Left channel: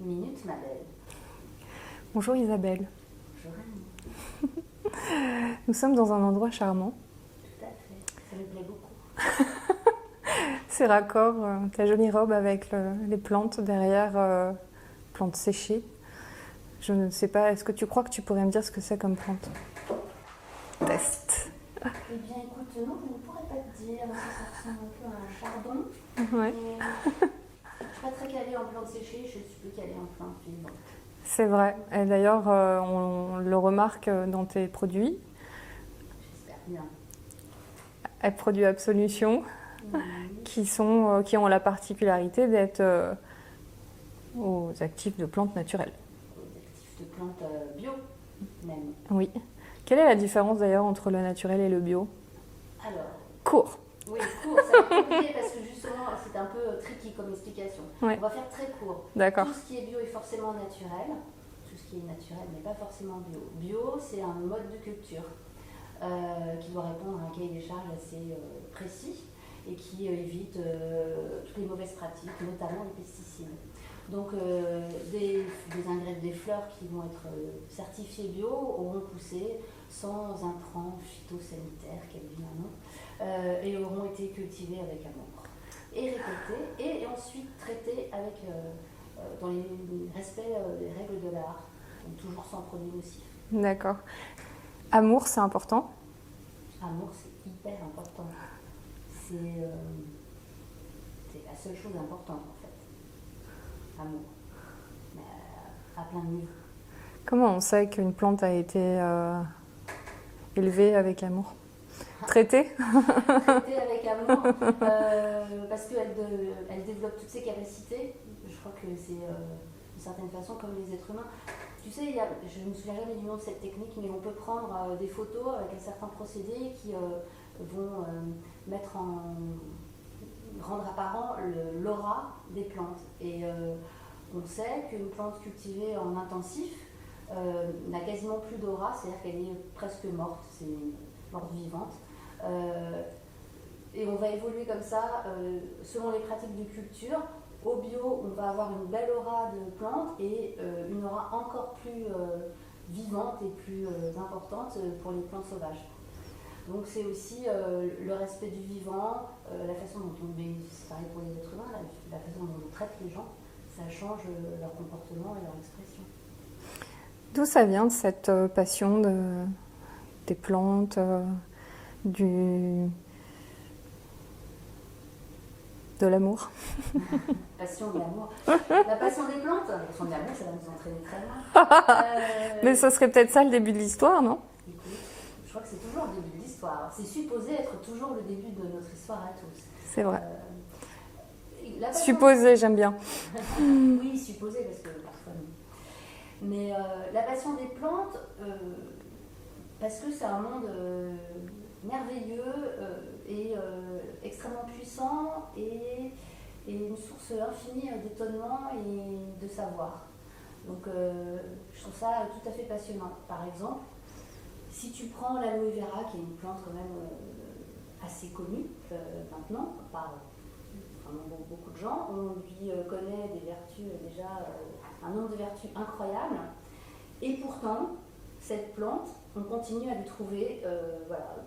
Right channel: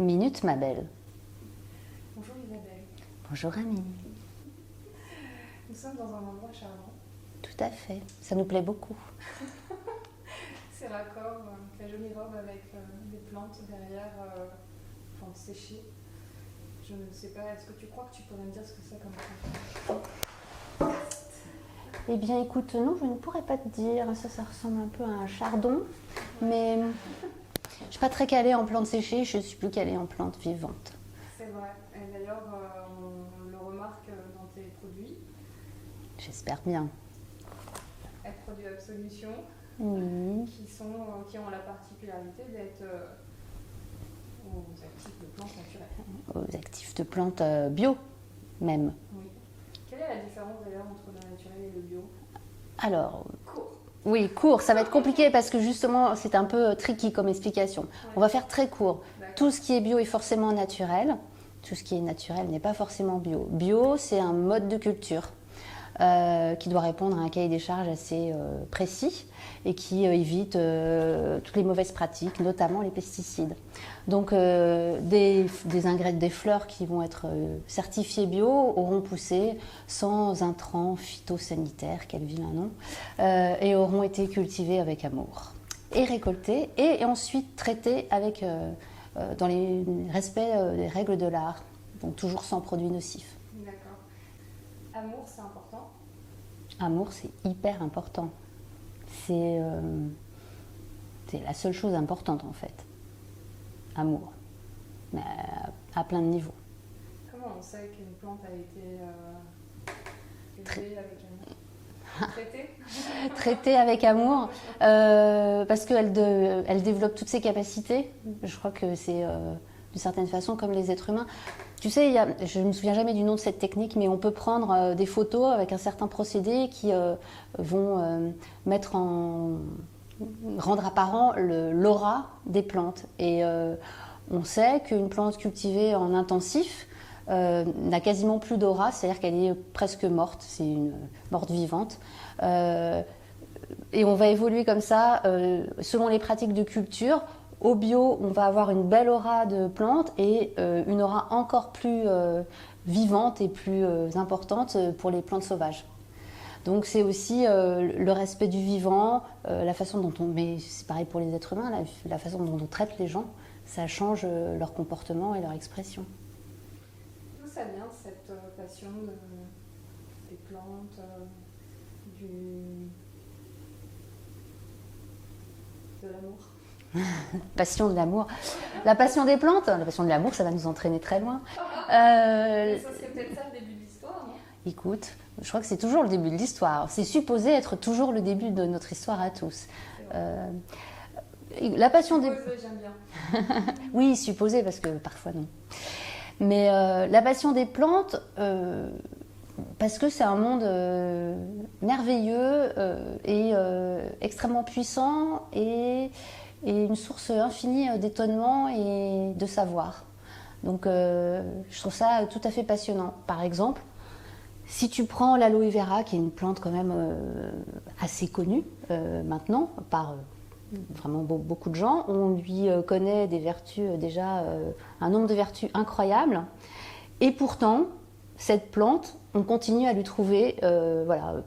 Minute, ma belle. Bonjour Isabelle. Bonjour Amine. Nous sommes dans un endroit charmant. Tout à fait. Ça nous plaît beaucoup. C'est raccord, ta jolie robe avec les plantes derrière, plantes séchées. Je ne sais pas, est-ce que tu crois que tu pourrais me dire ce que c'est comme plante? Test. Eh bien, écoute, non, je ne pourrais pas te dire. Ça ressemble un peu à un chardon. Ouais. Mais je ne suis pas très calée en plantes séchées. Je suis plus calée en plantes vivantes. C'est vrai. Et d'ailleurs, on le remarque dans tes produits. J'espère bien. Produits Absolution, qui ont la particularité d'être aux actifs de plantes naturelles. Aux actifs de plantes bio, même. Oui. Quelle est la différence d'ailleurs entre le naturel et le bio? Alors, Court. oui, court, ça va être compliqué parce que justement, c'est un peu tricky comme explication. Ouais. On va faire très court. D'accord. Tout ce qui est bio est forcément naturel. Tout ce qui est naturel n'est pas forcément bio. Bio, c'est un mode de culture qui doit répondre à un cahier des charges assez précis et qui évite toutes les mauvaises pratiques, notamment les pesticides. Donc des fleurs qui vont être certifiées bio auront poussé sans intrants phytosanitaires, quel vilain nom, et auront été cultivées avec amour et récoltées et ensuite traitées avec, dans les respects des règles de l'art, donc toujours sans produits nocifs. D'accord. Amour, c'est important? Amour, c'est hyper important. C'est la seule chose importante en fait. Amour, mais à plein de niveaux. Comment on sait qu'une plante a été élevée avec amour? Traitée? Traitée avec amour, parce qu'elle développe toutes ses capacités. Je crois que c'est d'une certaine façon comme les êtres humains. Tu sais, je ne me souviens jamais du nom de cette technique, mais on peut prendre des photos avec un certain procédé qui vont rendre apparent l'aura des plantes. Et on sait qu'une plante cultivée en intensif n'a quasiment plus d'aura, c'est-à-dire qu'elle est presque morte, c'est une morte vivante. Et on va évoluer comme ça selon les pratiques de culture. Au bio, on va avoir une belle aura de plantes et une aura encore plus vivante et plus importante pour les plantes sauvages. Donc c'est aussi le respect du vivant, la façon dont mais c'est pareil pour les êtres humains, la façon dont on traite les gens, ça change leur comportement et leur expression. D'où ça vient cette passion des plantes, de l'amour? Passion de l'amour. La passion des plantes, la passion de l'amour, ça va nous entraîner très loin. Mais ce serait peut-être ça le début de l'histoire, non? Écoute, je crois que c'est toujours le début de l'histoire. C'est supposé être toujours le début de notre histoire à tous. C'est vrai. Supposé, j'aime bien. Oui, supposé, parce que parfois non. Mais la passion des plantes, parce que c'est un monde merveilleux et extrêmement puissant et une source infinie d'étonnement et de savoir. Donc je trouve ça tout à fait passionnant. Par exemple, si tu prends l'aloe vera, qui est une plante quand même assez connue maintenant par vraiment beaucoup de gens, on lui connaît des vertus déjà, un nombre de vertus incroyables, et pourtant cette plante, on continue à lui trouver,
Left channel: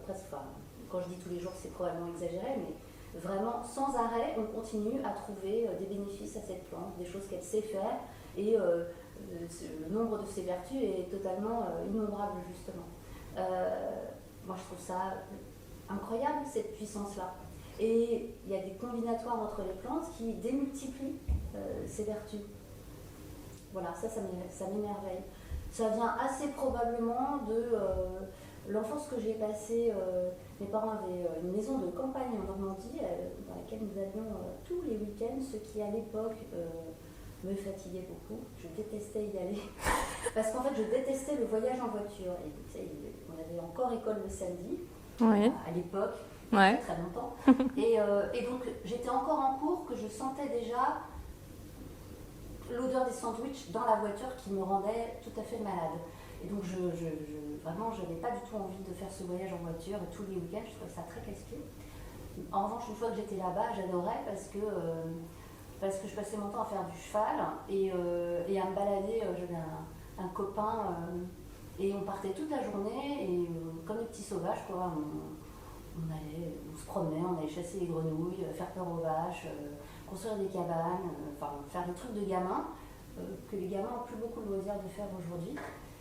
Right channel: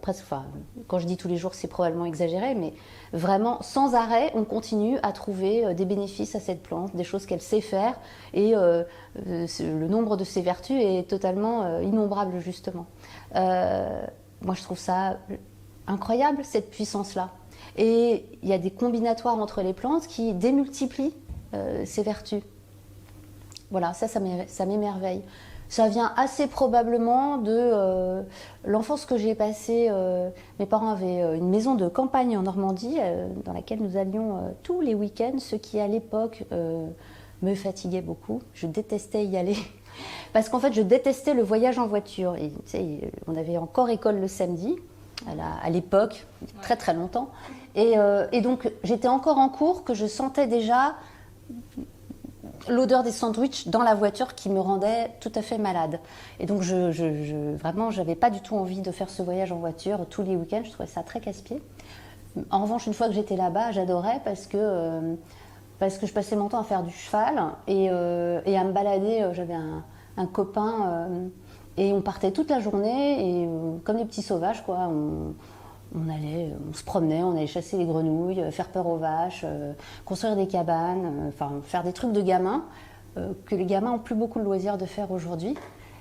presque, enfin, quand je dis tous les jours, c'est probablement exagéré, mais vraiment sans arrêt, on continue à trouver des bénéfices à cette plante, des choses qu'elle sait faire, et le nombre de ses vertus est totalement innombrable justement. Moi, je trouve ça incroyable, cette puissance-là. Et il y a des combinatoires entre les plantes qui démultiplient ces vertus. Voilà, ça m'émerveille. Ça vient assez probablement de l'enfance que j'ai passée. Mes parents avaient une maison de campagne en Normandie dans laquelle nous allions tous les week-ends, ce qui à l'époque me fatiguait beaucoup. Je détestais y aller parce qu'en fait je détestais le voyage en voiture. Et, tu sais, on avait encore école le samedi. Oui. À l'époque, Ouais. très très longtemps. Et donc j'étais encore en cours que je sentais déjà l'odeur des sandwichs dans la voiture qui me rendait tout à fait malade. Et donc vraiment, j'avais pas du tout envie de faire ce voyage en voiture tous les week-ends. Je trouvais ça très casse-pied. En revanche, une fois que j'étais là-bas, j'adorais parce que parce que je passais mon temps à faire du cheval et à me balader. J'avais un copain et on partait toute la journée et comme des petits sauvages, quoi. On se promenait, on allait chasser les grenouilles, faire peur aux vaches, construire des cabanes, enfin faire des trucs de gamins que les gamins ont plus beaucoup de loisirs de faire aujourd'hui.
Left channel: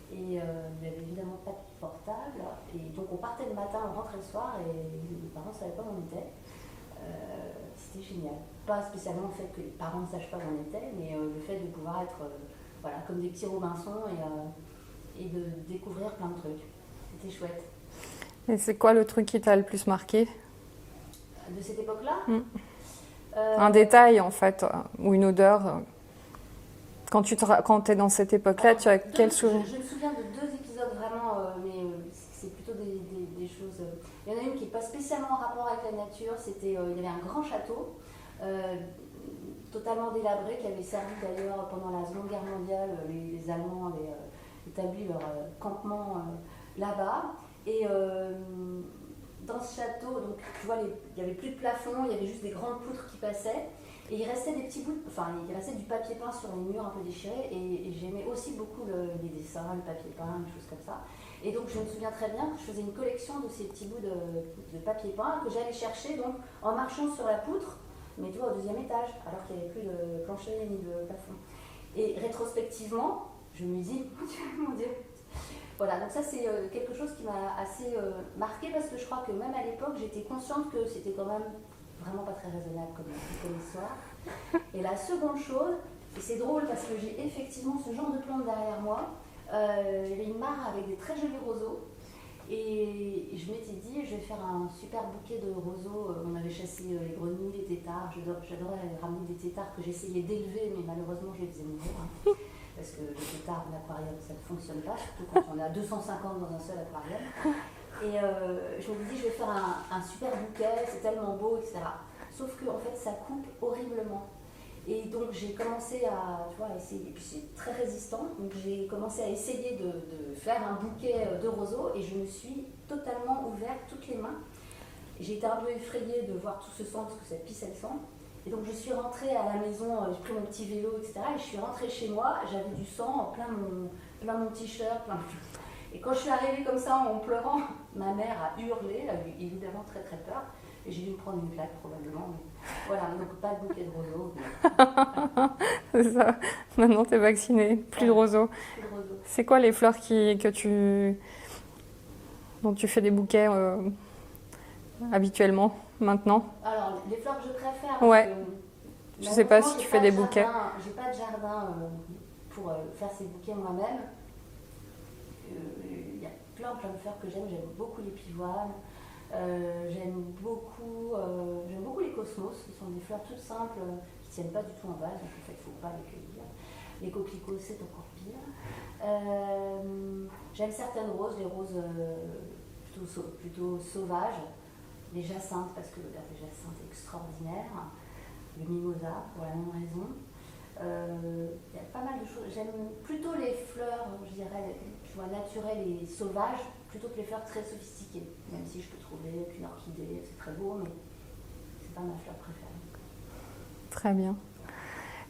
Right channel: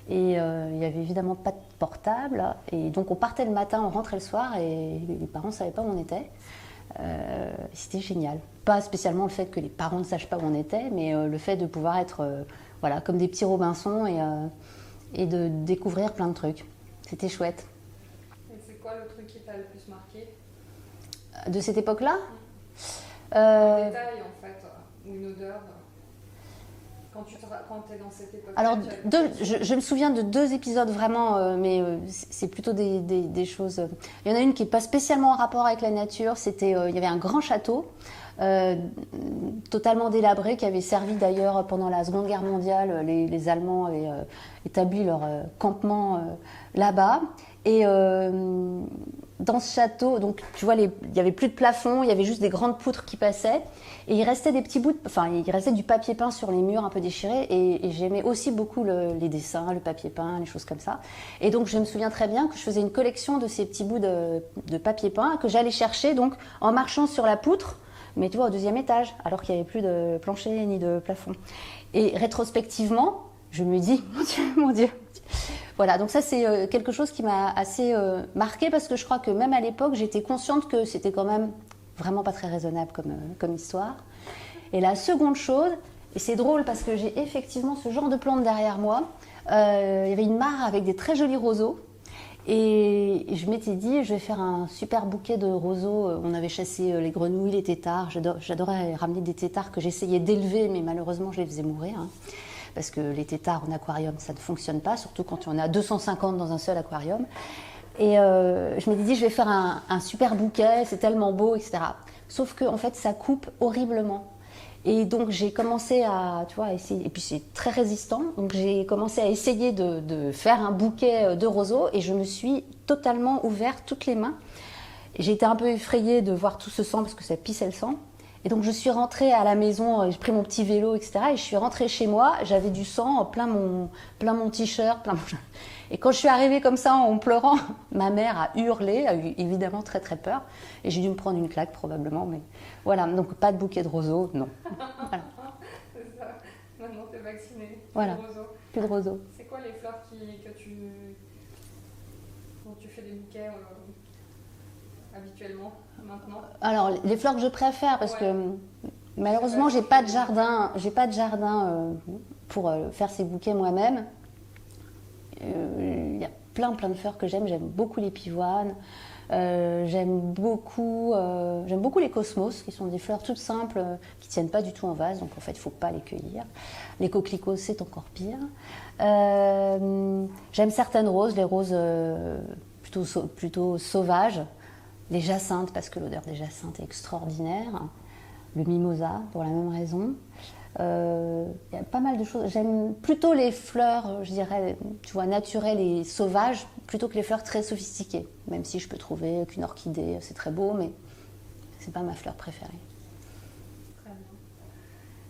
Et il n'y avait évidemment pas de portable. Et donc on partait le matin, on rentrait le soir et les parents ne savaient pas où on était. C'était génial. Pas spécialement le fait que les parents ne sachent pas où on était, mais le fait de pouvoir être voilà, comme des petits Robinson et de découvrir plein de trucs. C'était chouette. Et c'est quoi le truc qui t'a le plus marqué? De cette époque-là? Un détail en fait, ou une odeur. Quand tu es dans cette époque-là, tu as quel souvenir? Je me souviens de 2 épisodes vraiment, mais c'est plutôt des choses. Il y en a une qui n'est pas spécialement en rapport avec la nature. Il y avait un grand château, totalement délabré, qui avait servi d'ailleurs pendant la Seconde Guerre mondiale. Les Allemands avaient établi leur campement là-bas. Et dans ce château, donc tu vois, il n'y avait plus de plafond, il y avait juste des grandes poutres qui passaient. Et il restait des petits bouts, il restait du papier peint sur les murs un peu déchirés. Et j'aimais aussi beaucoup les dessins, le papier peint, les choses comme ça. Et donc je me souviens très bien que je faisais une collection de ces petits bouts de papier peint que j'allais chercher donc en marchant sur la poutre, mais tu vois, au 2e étage, alors qu'il n'y avait plus de plancher ni de plafond. Et rétrospectivement, je me dis, mon Dieu. Voilà, donc ça c'est quelque chose qui m'a assez marquée parce que je crois que même à l'époque, j'étais consciente que c'était quand même vraiment pas très raisonnable comme histoire. Et la seconde chose, et c'est drôle parce que j'ai effectivement ce genre de plante derrière moi, il y avait une mare avec des très jolis roseaux et je m'étais dit je vais faire un super bouquet de roseaux. On avait chassé les grenouilles, les têtards, j'adorais ramener des têtards que j'essayais d'élever mais malheureusement je les faisais mourir. Parce que les têtards en aquarium, ça ne fonctionne pas, surtout quand il y en a 250 dans un seul aquarium. Et je m'étais dit, je vais faire un super bouquet, c'est tellement beau, etc. Sauf que en fait, ça coupe horriblement. Et donc, j'ai commencé à essayer. Et puis, c'est très résistant. Donc, j'ai commencé à essayer de faire un bouquet de roseaux. Et je me suis totalement ouvert toutes les mains. J'ai été un peu effrayée de voir tout ce sang parce que ça pissait le sang. Et donc je suis rentrée à la maison, j'ai pris mon petit vélo, etc. Et je suis rentrée chez moi, j'avais du sang plein mon t-shirt. Et quand je suis arrivée comme ça en pleurant, ma mère a hurlé, a eu évidemment très très peur. Et j'ai dû me prendre une claque probablement. Mais voilà, donc pas de bouquet de roseaux, non. Voilà. C'est ça, maintenant t'es vaccinée, plus de roseaux. Plus de roseaux. C'est quoi les fleurs dont tu fais des bouquets habituellement? Maintenant? Alors, les fleurs que je préfère, parce que malheureusement, j'ai pas de jardin pour faire ces bouquets moi-même. Il y a plein de fleurs que j'aime. J'aime beaucoup les pivoines. J'aime beaucoup les cosmos, qui sont des fleurs toutes simples, qui ne tiennent pas du tout en vase. Donc, en fait, il ne faut pas les cueillir. Les coquelicots, c'est encore pire. J'aime certaines roses, les roses plutôt sauvages. Les jacinthes, parce que l'odeur des jacinthes est extraordinaire. Le mimosa, pour la même raison. Il y a pas mal de choses. J'aime plutôt les fleurs, je dirais, tu vois, naturelles et sauvages, plutôt que les fleurs très sophistiquées. Même si je peux trouver qu'une orchidée, c'est très beau, mais c'est pas ma fleur préférée. Très bien.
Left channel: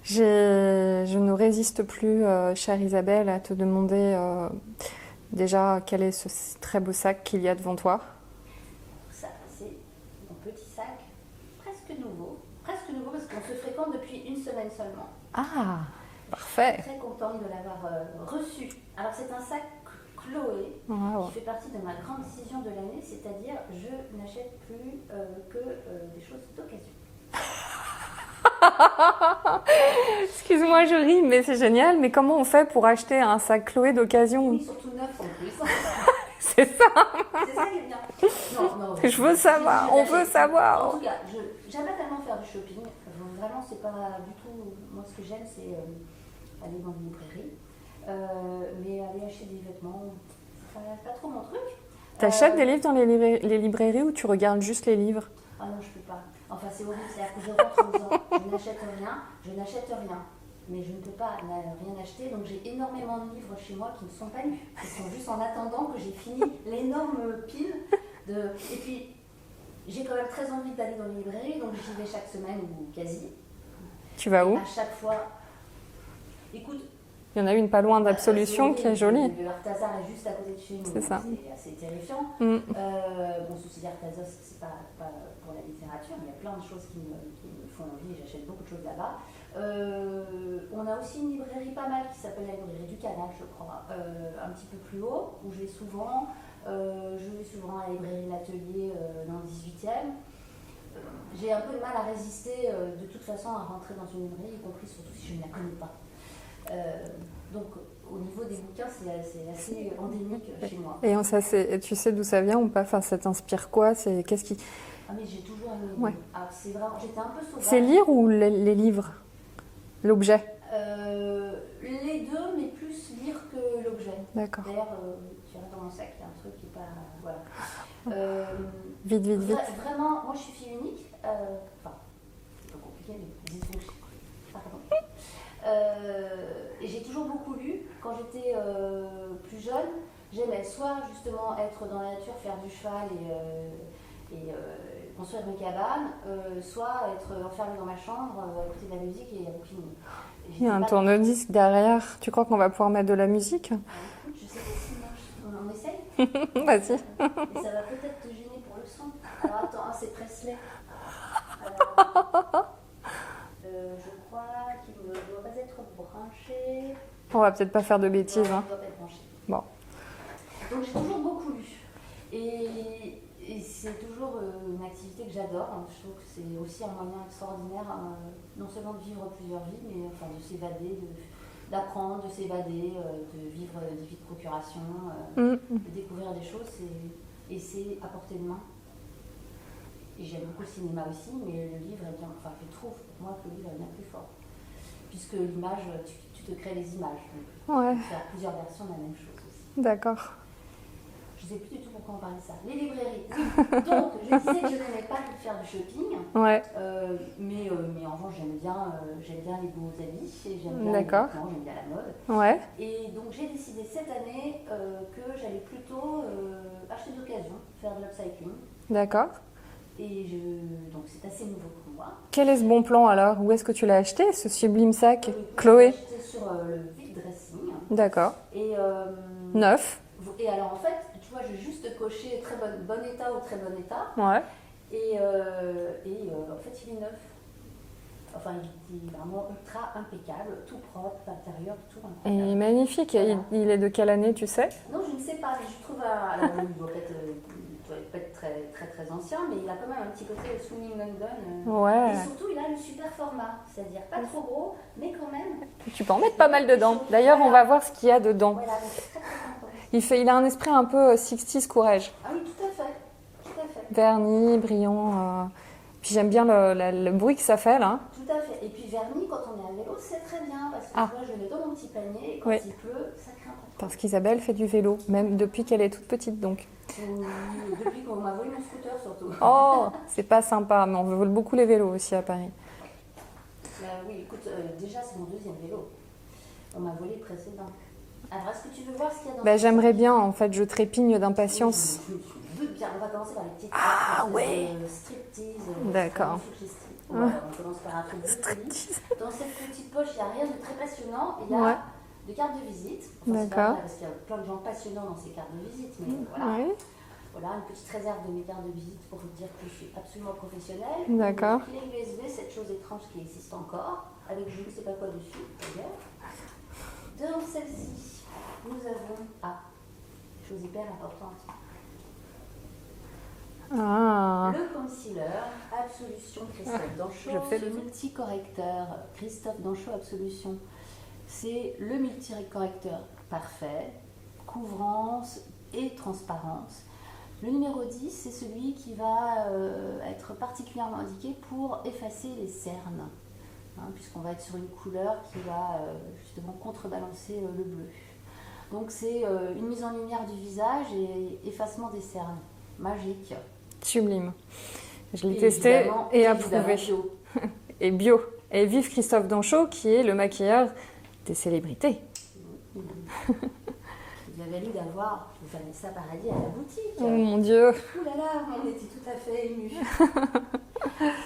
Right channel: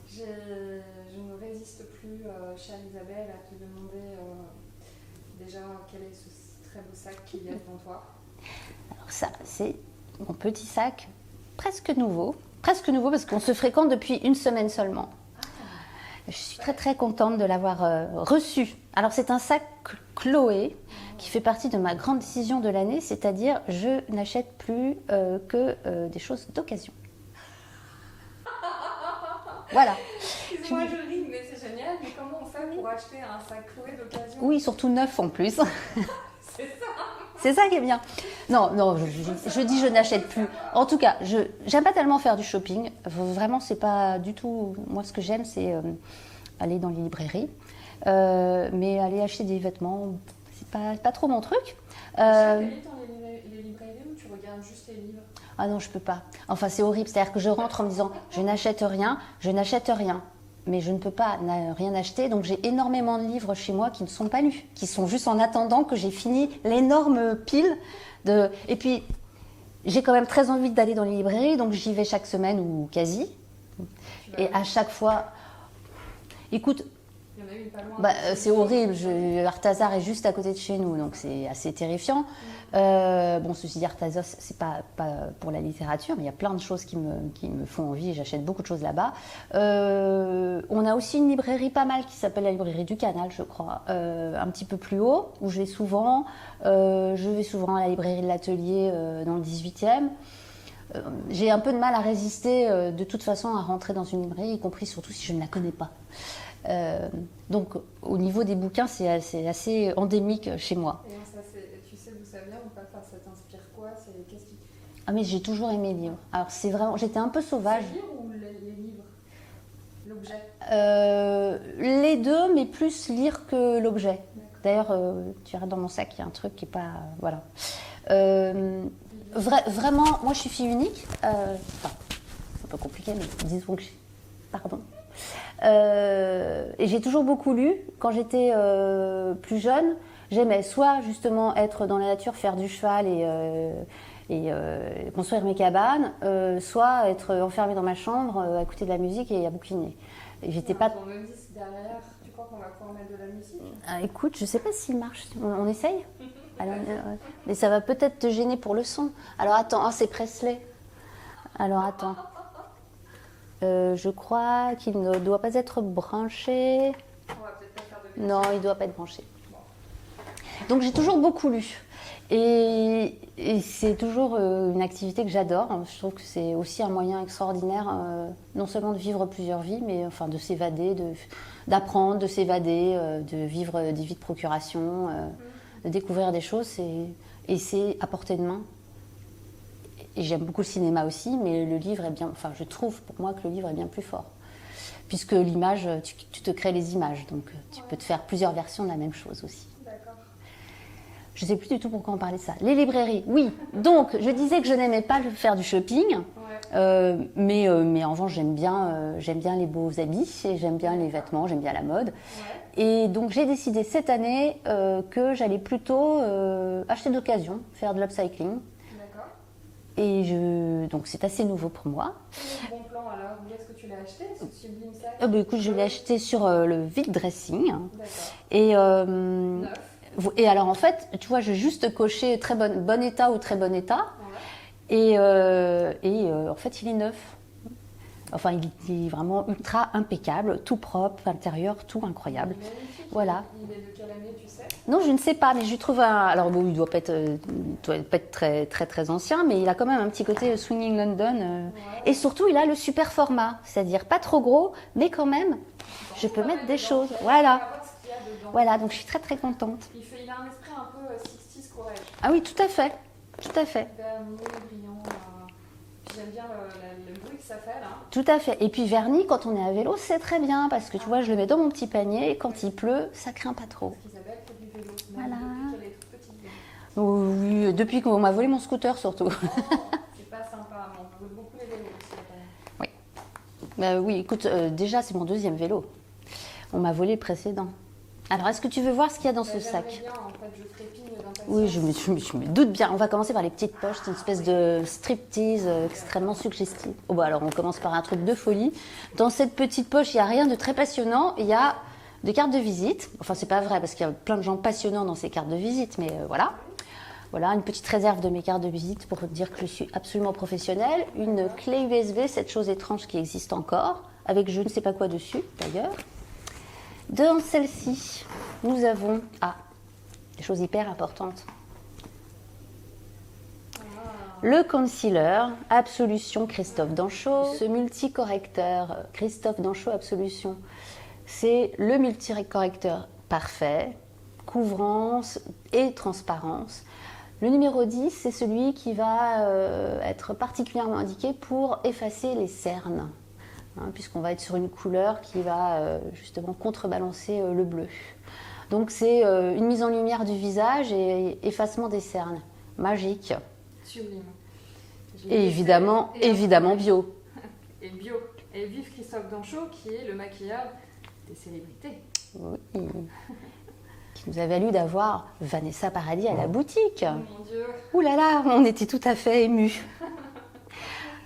Je ne résiste plus, chère Isabelle, à te demander déjà quel est ce très beau sac qu'il y a devant toi. Ça, c'est mon petit sac presque nouveau parce qu'on se fréquente depuis 1 semaine seulement. Ah, je suis très, très contente de l'avoir reçu. Alors, c'est un sac Chloé qui fait partie de ma grande décision de l'année, c'est-à-dire je n'achète plus que des choses d'occasion. Voilà. Excuse-moi, je ris, mais c'est génial. Mais comment on fait pour acheter un sac Chloé d'occasion? Oui, surtout neuf en plus. C'est ça. C'est ça qui est bien. Non, je veux savoir. Je dis je n'achète plus. Savoir. En tout cas, j'aime pas tellement faire du shopping. Vraiment, c'est pas du tout. Moi, ce que j'aime, c'est aller dans les librairies. Mais aller acheter des vêtements, c'est pas trop mon truc. Tu achètes des livres dans les librairies ou tu regardes juste les livres? Ah non, je peux pas. Enfin, c'est horrible. C'est-à-dire que je rentre en me disant je n'achète rien. Mais je ne peux pas rien acheter. Donc j'ai énormément de livres chez moi qui ne sont pas lus, qui sont juste en attendant que j'ai fini l'énorme pile de... Et puis, j'ai quand même très envie d'aller dans les librairies, donc j'y vais chaque semaine ou quasi. Tu vas Et où? à chaque fois, écoute, Il y en a une pas loin c'est d'Absolution qui est horrible. jolie. Arthazar est juste à côté de chez nous, C'est donc ça. c'est assez terrifiant. Bon, ceci dit, Arthazar, c'est pas pour la littérature, mais il y a plein de choses qui me font envie et j'achète beaucoup de choses là-bas. On a aussi une librairie pas mal qui s'appelle la librairie du Canal, je crois, un petit peu plus haut, où je vais souvent. Je vais souvent à la librairie de l'Atelier dans le 18e. J'ai un peu de mal à résister de toute façon à rentrer dans une librairie, y compris surtout si je ne la connais pas. Donc au niveau des bouquins, c'est assez endémique chez moi. Et tu sais d'où ça vient ou pas? Enfin, ça t'inspire quoi? Qu'est-ce qui... Ah mais j'ai toujours aimé lire. Ouais. Alors c'est vraiment, j'étais un peu sauvage. C'est lire ou les livres? L'objet? Les deux, mais plus lire que l'objet. D'accord. D'ailleurs, tu verras dans mon sac, il y a un truc qui est pas... Voilà. Vite. Vraiment, moi je suis fille unique. Enfin, c'est un peu compliqué, mais disons que... Pardon. Et j'ai toujours beaucoup lu. Quand j'étais plus jeune, j'aimais soit justement être dans la nature, faire du cheval et construire mes cabanes, soit être enfermée dans ma chambre, à écouter de la musique et à bouquiner. Et Il y a un tourne-disque derrière. Tu crois qu'on va pouvoir mettre de la musique? Écoute, je sais pas s'il marche. On essaye? Vas-y. Mais ça va peut-être te gêner pour le son. Alors attends, c'est Presley. Alors attends. Je crois qu'il ne doit pas être branché. On va peut-être pas faire de bêtises. Non, il hein. ne doit pas être branché. Bon. Donc j'ai toujours beaucoup lu. Et c'est toujours une activité que j'adore. Je trouve que c'est aussi un moyen extraordinaire, non seulement de vivre plusieurs vies, mais enfin de s'évader, d'apprendre, de s'évader, de vivre des vies de procuration, de découvrir des choses. Et c'est à portée de main. Et j'aime beaucoup le cinéma aussi, mais le livre est bien... Enfin, je trouve pour moi que le livre est bien plus fort. Puisque l'image, tu te crées les images. Donc tu peux te faire plusieurs versions de la même chose aussi. D'accord. Je ne sais plus du tout pourquoi on parlait de ça. Les librairies, oui. Donc, je disais que je n'aimais pas faire du shopping. Ouais. Mais en revanche, j'aime bien les beaux habits, et j'aime bien les vêtements, j'aime bien la mode. Ouais. Et donc, j'ai décidé cette année que j'allais plutôt acheter d'occasion, faire de l'upcycling. D'accord. Et donc, c'est assez nouveau pour moi. Quel est ce bon plan alors? Où est-ce que tu l'as acheté, ce sublime sac? Écoute, je l'ai acheté sur le vide dressing. D'accord. Et neuf. Et alors en fait, tu vois, j'ai juste coché très bon état ou très bon état. Ouais. Et en fait, il est neuf. Enfin, il est vraiment ultra impeccable, tout propre, l'intérieur, tout incroyable. Il est magnifique. Voilà. Il est de quelle année, tu sais? Non, je ne sais pas, mais je lui trouve un... Alors bon, il doit pas être très, très, très ancien, mais il a quand même un petit côté Swinging London. Ouais. Et surtout, il a le super format, c'est-à-dire pas trop gros, mais quand même... Tu peux en je mettre peux pas mettre mal des dedans. choses. D'ailleurs, Voilà. on va voir ce qu'il y a dedans. Voilà, donc je suis très, très contente. Il a un esprit un peu 60s courage. Ah oui, tout à fait. Tout à fait. Vernis, brillant. Puis j'aime bien le bruit que ça fait là. Tout à fait. Et puis vernis, quand on est à vélo, c'est très bien parce que tu vois, je le mets dans mon petit panier et quand il pleut, ça craint pas trop. Parce qu'Isabelle fait du vélo, même depuis qu'elle est toute petite donc. Oui, depuis qu'on m'a volé mon scooter surtout. Oh, c'est pas sympa, mais on vole beaucoup les vélos aussi à Paris. Oui. Bah, oui, écoute, déjà c'est mon deuxième vélo. On m'a volé le précédent. Alors, est-ce que tu veux voir ce qu'il y a dans ce sac? J'aimerais bien, en fait, je trépigne d'impatience. Oui, je me doute bien. On va commencer par les petites poches, une espèce de striptease extrêmement suggestive. Oh, bah, alors, on commence par un truc de folie. Dans cette petite poche, il n'y a rien de très passionnant. Il y a des cartes de visite. Enfin, c'est pas vrai parce qu'il y a plein de gens passionnants dans ces cartes de visite, mais voilà. Oui. Voilà, une petite réserve de mes cartes de visite pour dire que je suis absolument professionnelle. Une clé USB, cette chose étrange qui existe encore, avec je ne sais pas quoi dessus, d'ailleurs. Dans celle-ci, nous avons des choses hyper importantes. Le concealer Absolution Christophe Danchot, ce multicorrecteur Christophe Danchot Absolution. C'est le multicorrecteur parfait, couvrance et transparence. Le numéro 10, c'est celui qui va être particulièrement indiqué pour effacer les cernes. Puisqu'on va être sur une couleur qui va justement contrebalancer le bleu. Donc c'est une mise en lumière du visage et effacement des cernes. Magique. Sublime. Et évidemment bio. Et bio. Et vive Christophe Danchot qui est le maquilleur des célébrités. Oui. nous a valu d'avoir Vanessa Paradis à la boutique. Oh mon Dieu. Ouh là là, on était tout à fait émus.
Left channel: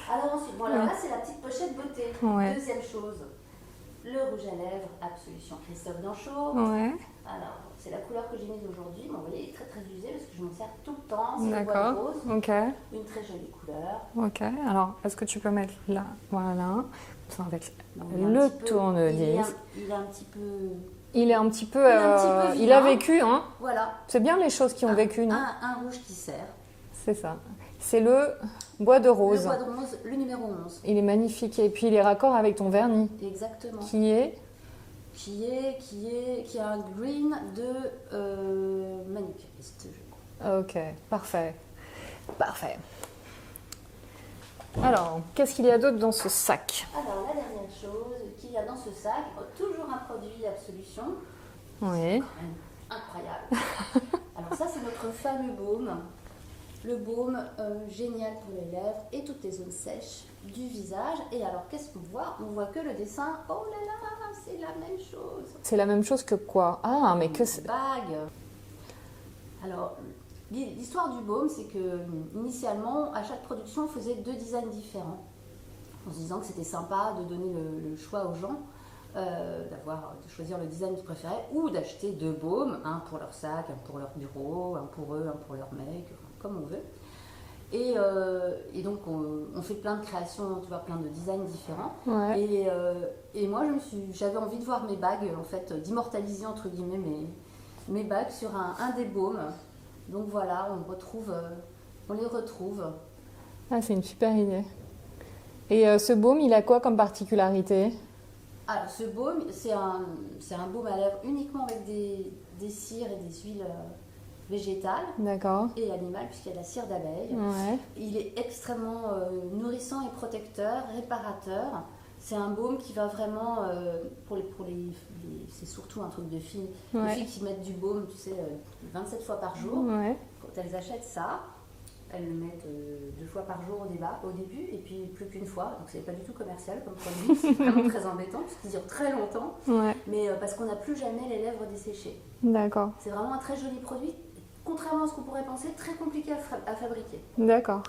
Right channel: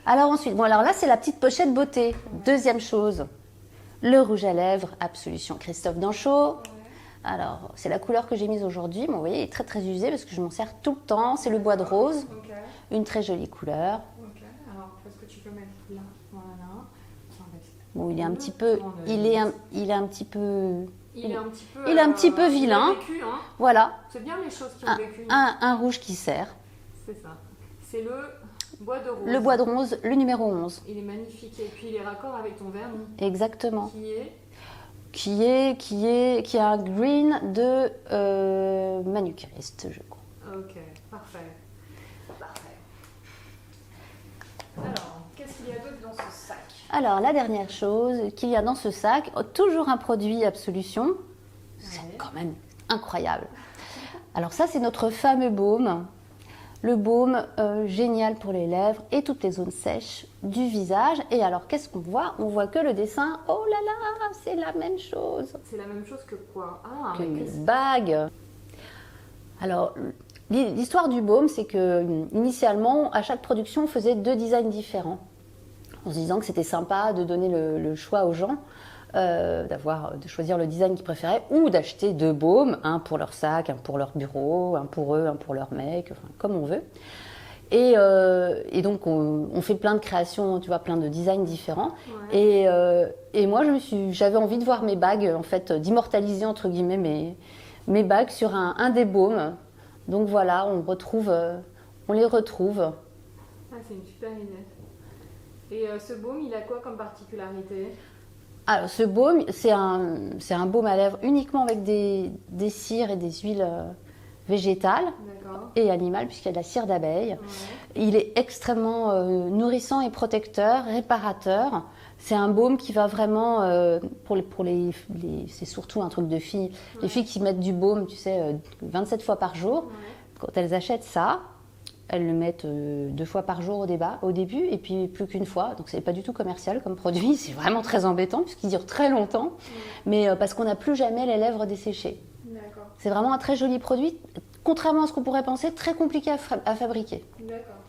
Alors ensuite, bon alors là c'est la petite pochette beauté. Ouais. Deuxième chose, le rouge à lèvres Absolution Christophe Danchaud. Ouais. Alors c'est la couleur que j'ai mise aujourd'hui, mais vous voyez il est très très usé parce que je m'en sers tout le temps. C'est le bois de rose, Ok. une très jolie couleur. Ok. Alors, est-ce que tu peux mettre là? Voilà. Enfin, avec Bon, il est un le petit peu, tournevis. il est un petit peu, Il est un petit peu. il est un petit peu Il vilain. a vécu, hein. voilà, C'est bien les choses qui ont vécu. non un rouge qui sert. C'est ça. C'est le bois de rose. Le bois de rose, le numéro 11. Il est magnifique et puis il est raccord avec ton vernis. Exactement. Qui est Qui a un green de manucuriste, je crois. Ok, parfait. Parfait. Alors, qu'est-ce qu'il y a d'autre dans ce sac? Alors, la dernière chose qu'il y a dans ce sac, toujours un produit Absolution. Oui. C'est quand même incroyable. Alors ça, c'est notre fameux baume. Le baume génial pour les lèvres et toutes les zones sèches du visage. Et alors, qu'est-ce qu'on voit? On voit que le dessin. Oh là là, c'est la même chose. C'est la même chose que quoi? Ah, mais que c'est... bague. Alors, l'histoire du baume, c'est que initialement, à chaque production, on faisait 2 designs différents. En se disant que c'était sympa de donner le choix aux gens, de choisir le design qu'ils préféraient, ou d'acheter 2 baumes, un pour leur sac, un pour leur bureau, un pour eux, un pour leur mec, enfin, comme on veut. Et donc, on fait plein de créations, tu vois, plein de designs différents. Ouais. Et moi, j'avais envie de voir mes bagues, en fait, d'immortaliser, entre guillemets, mes bagues sur un des baumes. Donc voilà, on les retrouve. Ah, c'est une super idée. Et ce baume, il a quoi comme particularité? Alors, ce baume, c'est un baume à lèvres uniquement avec des cires et des huiles végétales D'accord. et animales, puisqu'il y a de la cire d'abeille. Ouais. Il est extrêmement nourrissant et protecteur, réparateur. C'est un baume qui va vraiment, c'est surtout un truc de filles. Ouais. Les filles qui mettent du baume, tu sais, 27 fois par jour. Ouais. Quand elles achètent ça, elles le mettent 2 fois par jour au début, et puis plus qu'une fois. Donc c'est pas du tout commercial comme produit, c'est vraiment très embêtant puisqu'il dure très longtemps. Ouais. Mais parce qu'on n'a plus jamais les lèvres desséchées. D'accord. C'est vraiment un très joli produit, contrairement à ce qu'on pourrait penser, très compliqué à fabriquer. D'accord.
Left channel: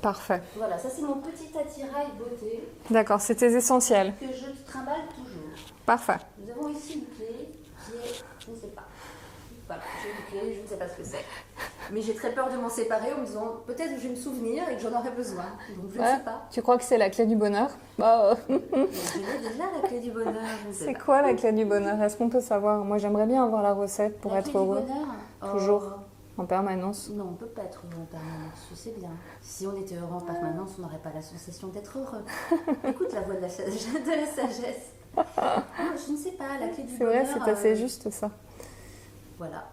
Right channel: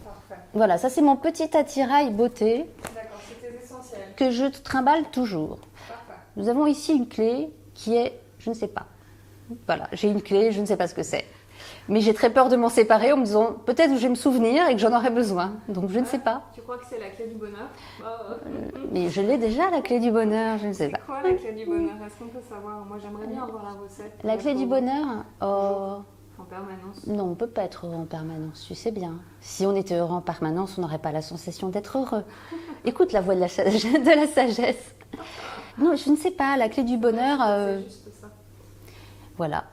Parfait. Voilà, ça c'est mon petit attirail beauté D'accord, c'est tes essentiels. que je trimballe toujours. Parfait. Nous avons ici une clé qui est, je ne sais pas. Voilà, j'ai une clé, je ne sais pas ce que c'est. Mais j'ai très peur de m'en séparer en me disant peut-être que je vais me souvenir et que j'en aurai besoin. Donc je ne sais pas. Tu crois que c'est la clé du bonheur? Bah, Mais je l'ai déjà, la clé du bonheur, je ne sais c'est pas. quoi la clé du bonheur? Est-ce qu'on peut savoir? Moi, j'aimerais bien avoir la recette. Pour La être clé du heureux. bonheur Toujours. En permanence. Non, on ne peut pas être heureux en permanence, tu sais bien. Si on était heureux en permanence, on n'aurait pas la sensation d'être heureux. Écoute la voix de la sagesse. Non, je ne sais pas, la clé du C'est vrai, bonheur... c'est juste ça. Voilà.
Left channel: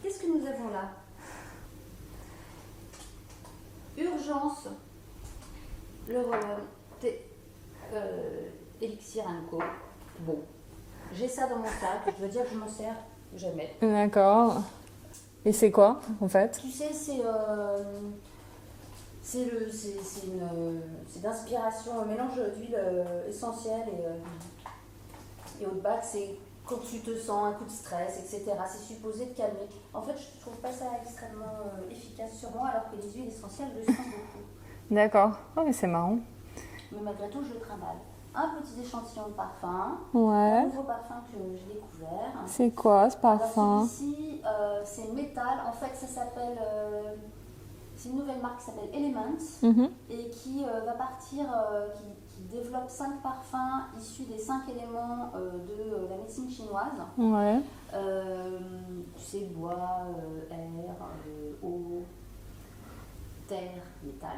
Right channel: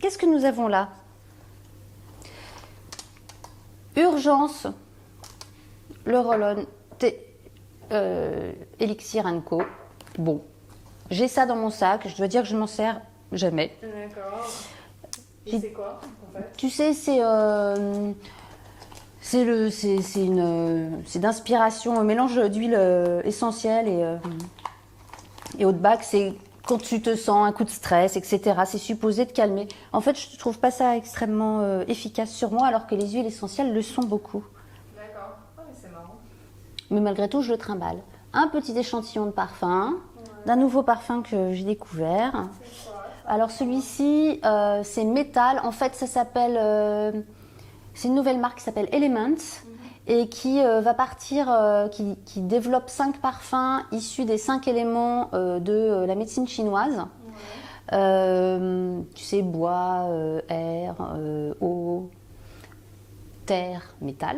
Qu'est-ce que nous avons là? Urgence, le roll-on Elixir Co. Bon, j'ai ça dans mon sac, je dois dire que je m'en sers jamais. D'accord. Et c'est quoi, en fait? Tu sais, c'est d'inspiration, un mélange d'huile essentielle et eau de bac. C'est quand tu te sens un coup de stress, etc. C'est supposé te calmer. En fait, je ne trouve pas ça extrêmement efficace sur moi, alors que les huiles essentielles le sont beaucoup. D'accord. Oh, mais c'est marrant. Mais malgré tout, je le trimballe. Un petit échantillon de parfum, Ouais. d'un nouveau parfum que j'ai découvert. C'est quoi ce parfum? Alors celui-ci, c'est Métal. En fait, ça s'appelle... c'est une nouvelle marque qui s'appelle Elements et qui va partir, qui développe 5 parfums issus des 5 éléments de la médecine chinoise. Ouais. Tu sais, bois, air, eau, terre, métal.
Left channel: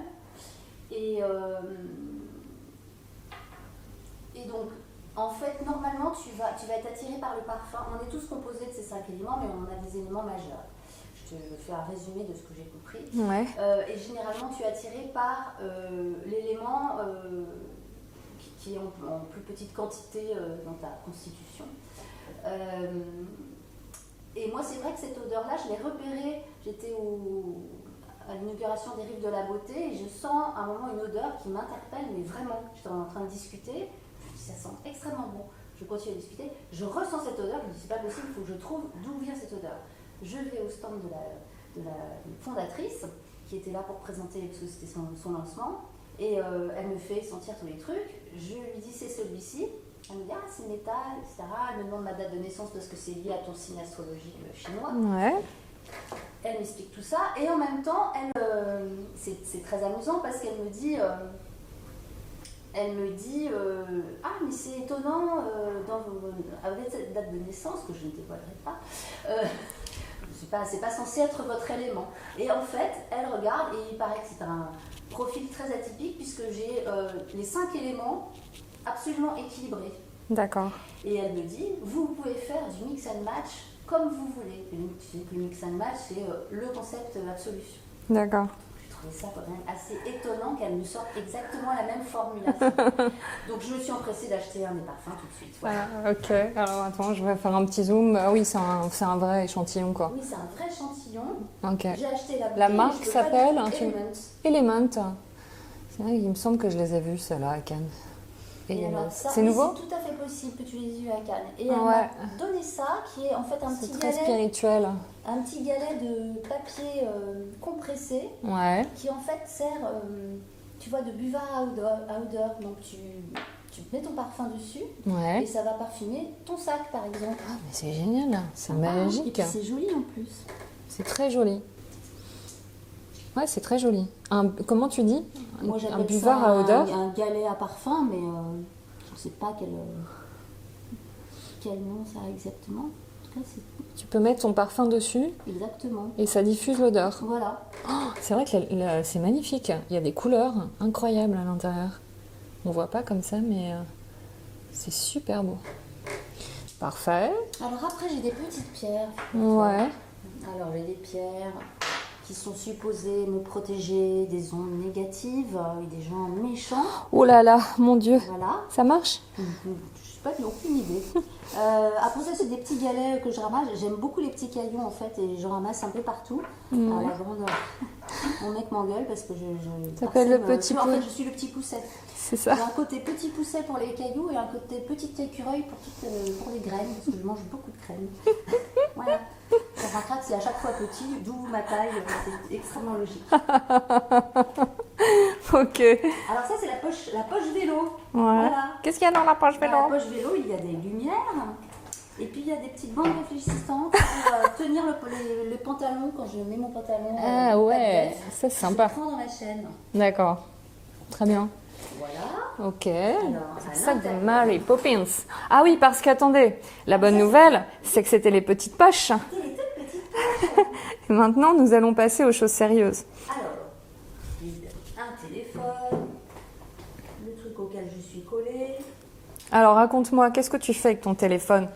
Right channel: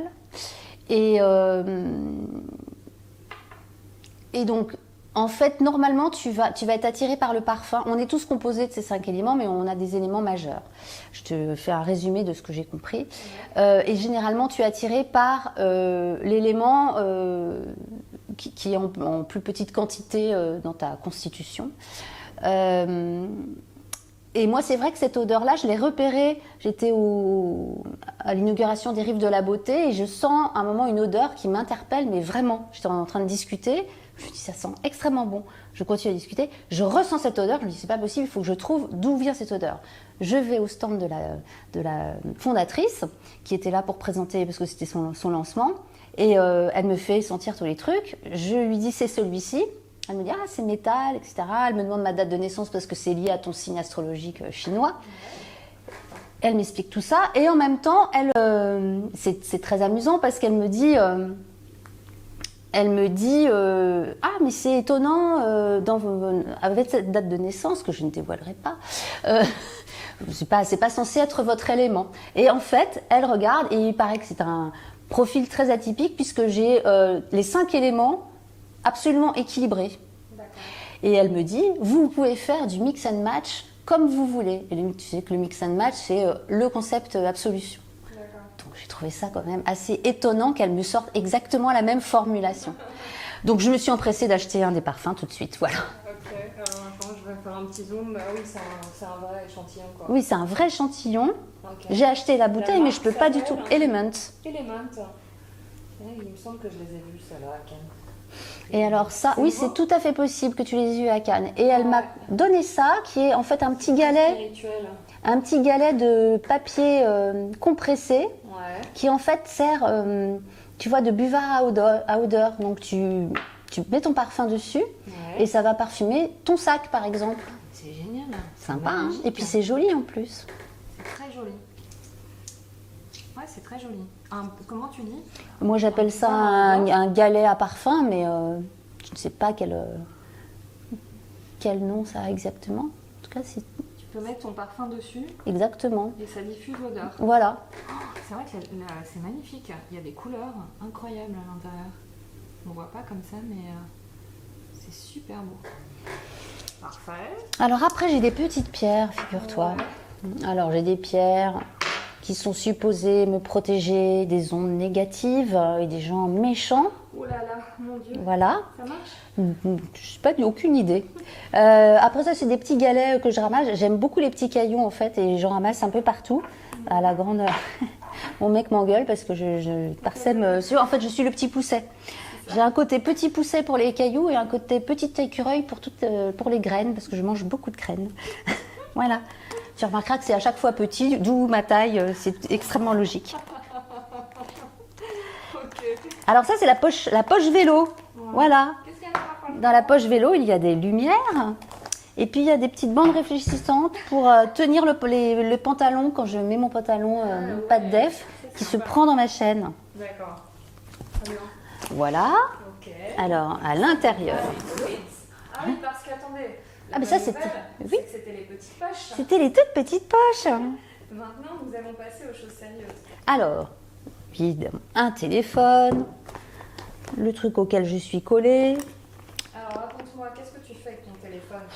Et donc, en fait, normalement, tu vas être attiré par le parfum. On est tous composés de ces 5 éléments, mais on a des éléments majeurs. Je te fais un résumé de ce que j'ai compris. Ouais. Et généralement, tu es attiré par l'élément qui est en plus petite quantité dans ta constitution. Et moi, c'est vrai que cette odeur-là, je l'ai repérée. J'étais à l'inauguration des Rives de la Beauté et je sens à un moment une odeur qui m'interpelle, mais vraiment. J'étais en train de discuter. Je Je dis, ça sent extrêmement bon. Je continue à discuter. Je ressens cette odeur. Je me dis, c'est pas possible, il faut que je trouve d'où vient cette odeur. Je vais au stand de la fondatrice qui était là pour présenter, parce que c'était son lancement. Et elle me fait sentir tous les trucs. Je lui dis, c'est celui-ci. Elle me dit, ah, c'est métal, etc. Elle me demande ma date de naissance parce que c'est lié à ton signe astrologique chinois. Ouais. Elle m'explique tout ça. Et en même temps, c'est très amusant parce qu'elle me dit... ah, mais c'est étonnant, avec cette date de naissance, que je ne dévoilerai pas, c'est pas censé être votre élément. Et en fait, elle regarde et il paraît que c'est un profil très atypique puisque j'ai les 5 éléments absolument équilibrés. D'accord. Et elle me dit, vous pouvez faire du mix and match comme vous voulez. Et tu sais que le mix and match, c'est le concept absolu. D'accord. Donc j'ai trouvé ça quand même assez étonnant qu'elle me sorte exactement la même formulation. Donc je me suis empressée d'acheter un des parfums tout de suite. Voilà. Ok, alors attends, je vais faire un petit zoom. Ah oui, c'est un vrai échantillon quoi. Oui, c'est un vrai échantillon. Ok. J'ai acheté la bouteille, mais je ne peux pas du tout. Element. Element. C'est vrai, il me semble que je les ai vus, ceux-là, à Cannes. Et alors ça, oui, c'est tout à fait possible que tu les aies eu à Cannes. Et elle Ouais. m'a donné ça, qui est en fait un petit galet, spirituel. un petit galet de papier compressé, Ouais. qui en fait sert, tu vois, de buvard à odeur. Donc tu mets ton parfum dessus Ouais. et ça va parfumer ton sac, par exemple. Mais c'est génial. C'est Sympa, hein. magique. Et puis c'est joli en plus. C'est très joli. Ouais, c'est très joli. Comment tu dis? Moi j'appelle ça buvard à odeur. un galet à parfum, mais je ne sais pas quel nom ça a exactement. En tout cas, c'est Tu peux mettre ton parfum dessus exactement. et ça diffuse l'odeur. Voilà. C'est vrai que c'est magnifique. Il y a des couleurs incroyables à l'intérieur. On voit pas comme ça, mais c'est super beau. Parfait. Alors après, j'ai des petites pierres, figure-toi. Ouais. Alors j'ai des pierres qui sont supposées me protéger des ondes négatives et des gens méchants. Oh là là, mon Dieu. Voilà. Ça marche? Je sais pas, aucune idée. Après ça, c'est des petits galets que je ramasse. J'aime beaucoup les petits cailloux en fait et j'en ramasse un peu partout. À la grande, mon mec m'engueule parce que je parsème. En fait, je suis le petit pousset. C'est ça. J'ai un côté petit pousset pour les cailloux et un côté petit écureuil pour les graines parce que je mange beaucoup de graines. Voilà. Tu remarqueras que c'est à chaque fois petit, d'où ma taille. C'est extrêmement logique. Ok. Alors ça, c'est la poche vélo. Ouais. Voilà. Qu'est-ce qu'il y a dans la poche vélo? Dans la poche vélo, il y a des lumières. Et puis, il y a des petites bandes réfléchissantes pour tenir le pantalon quand je mets mon pantalon pas de def. C'est Qui se sympa. prend dans ma chaîne. D'accord. Très bien. Voilà. Ok. Alors, à l'intérieur. Mary Poppins. Ah oui, parce qu'attendez, la bonne ça, c'est nouvelle, c'est que c'était les petites poches. C'était les toutes petites poches. Et maintenant, nous allons passer aux choses sérieuses. Alors, évidemment, un téléphone, le truc auquel je suis collée. Alors, raconte-moi, qu'est-ce que tu fais avec ton téléphone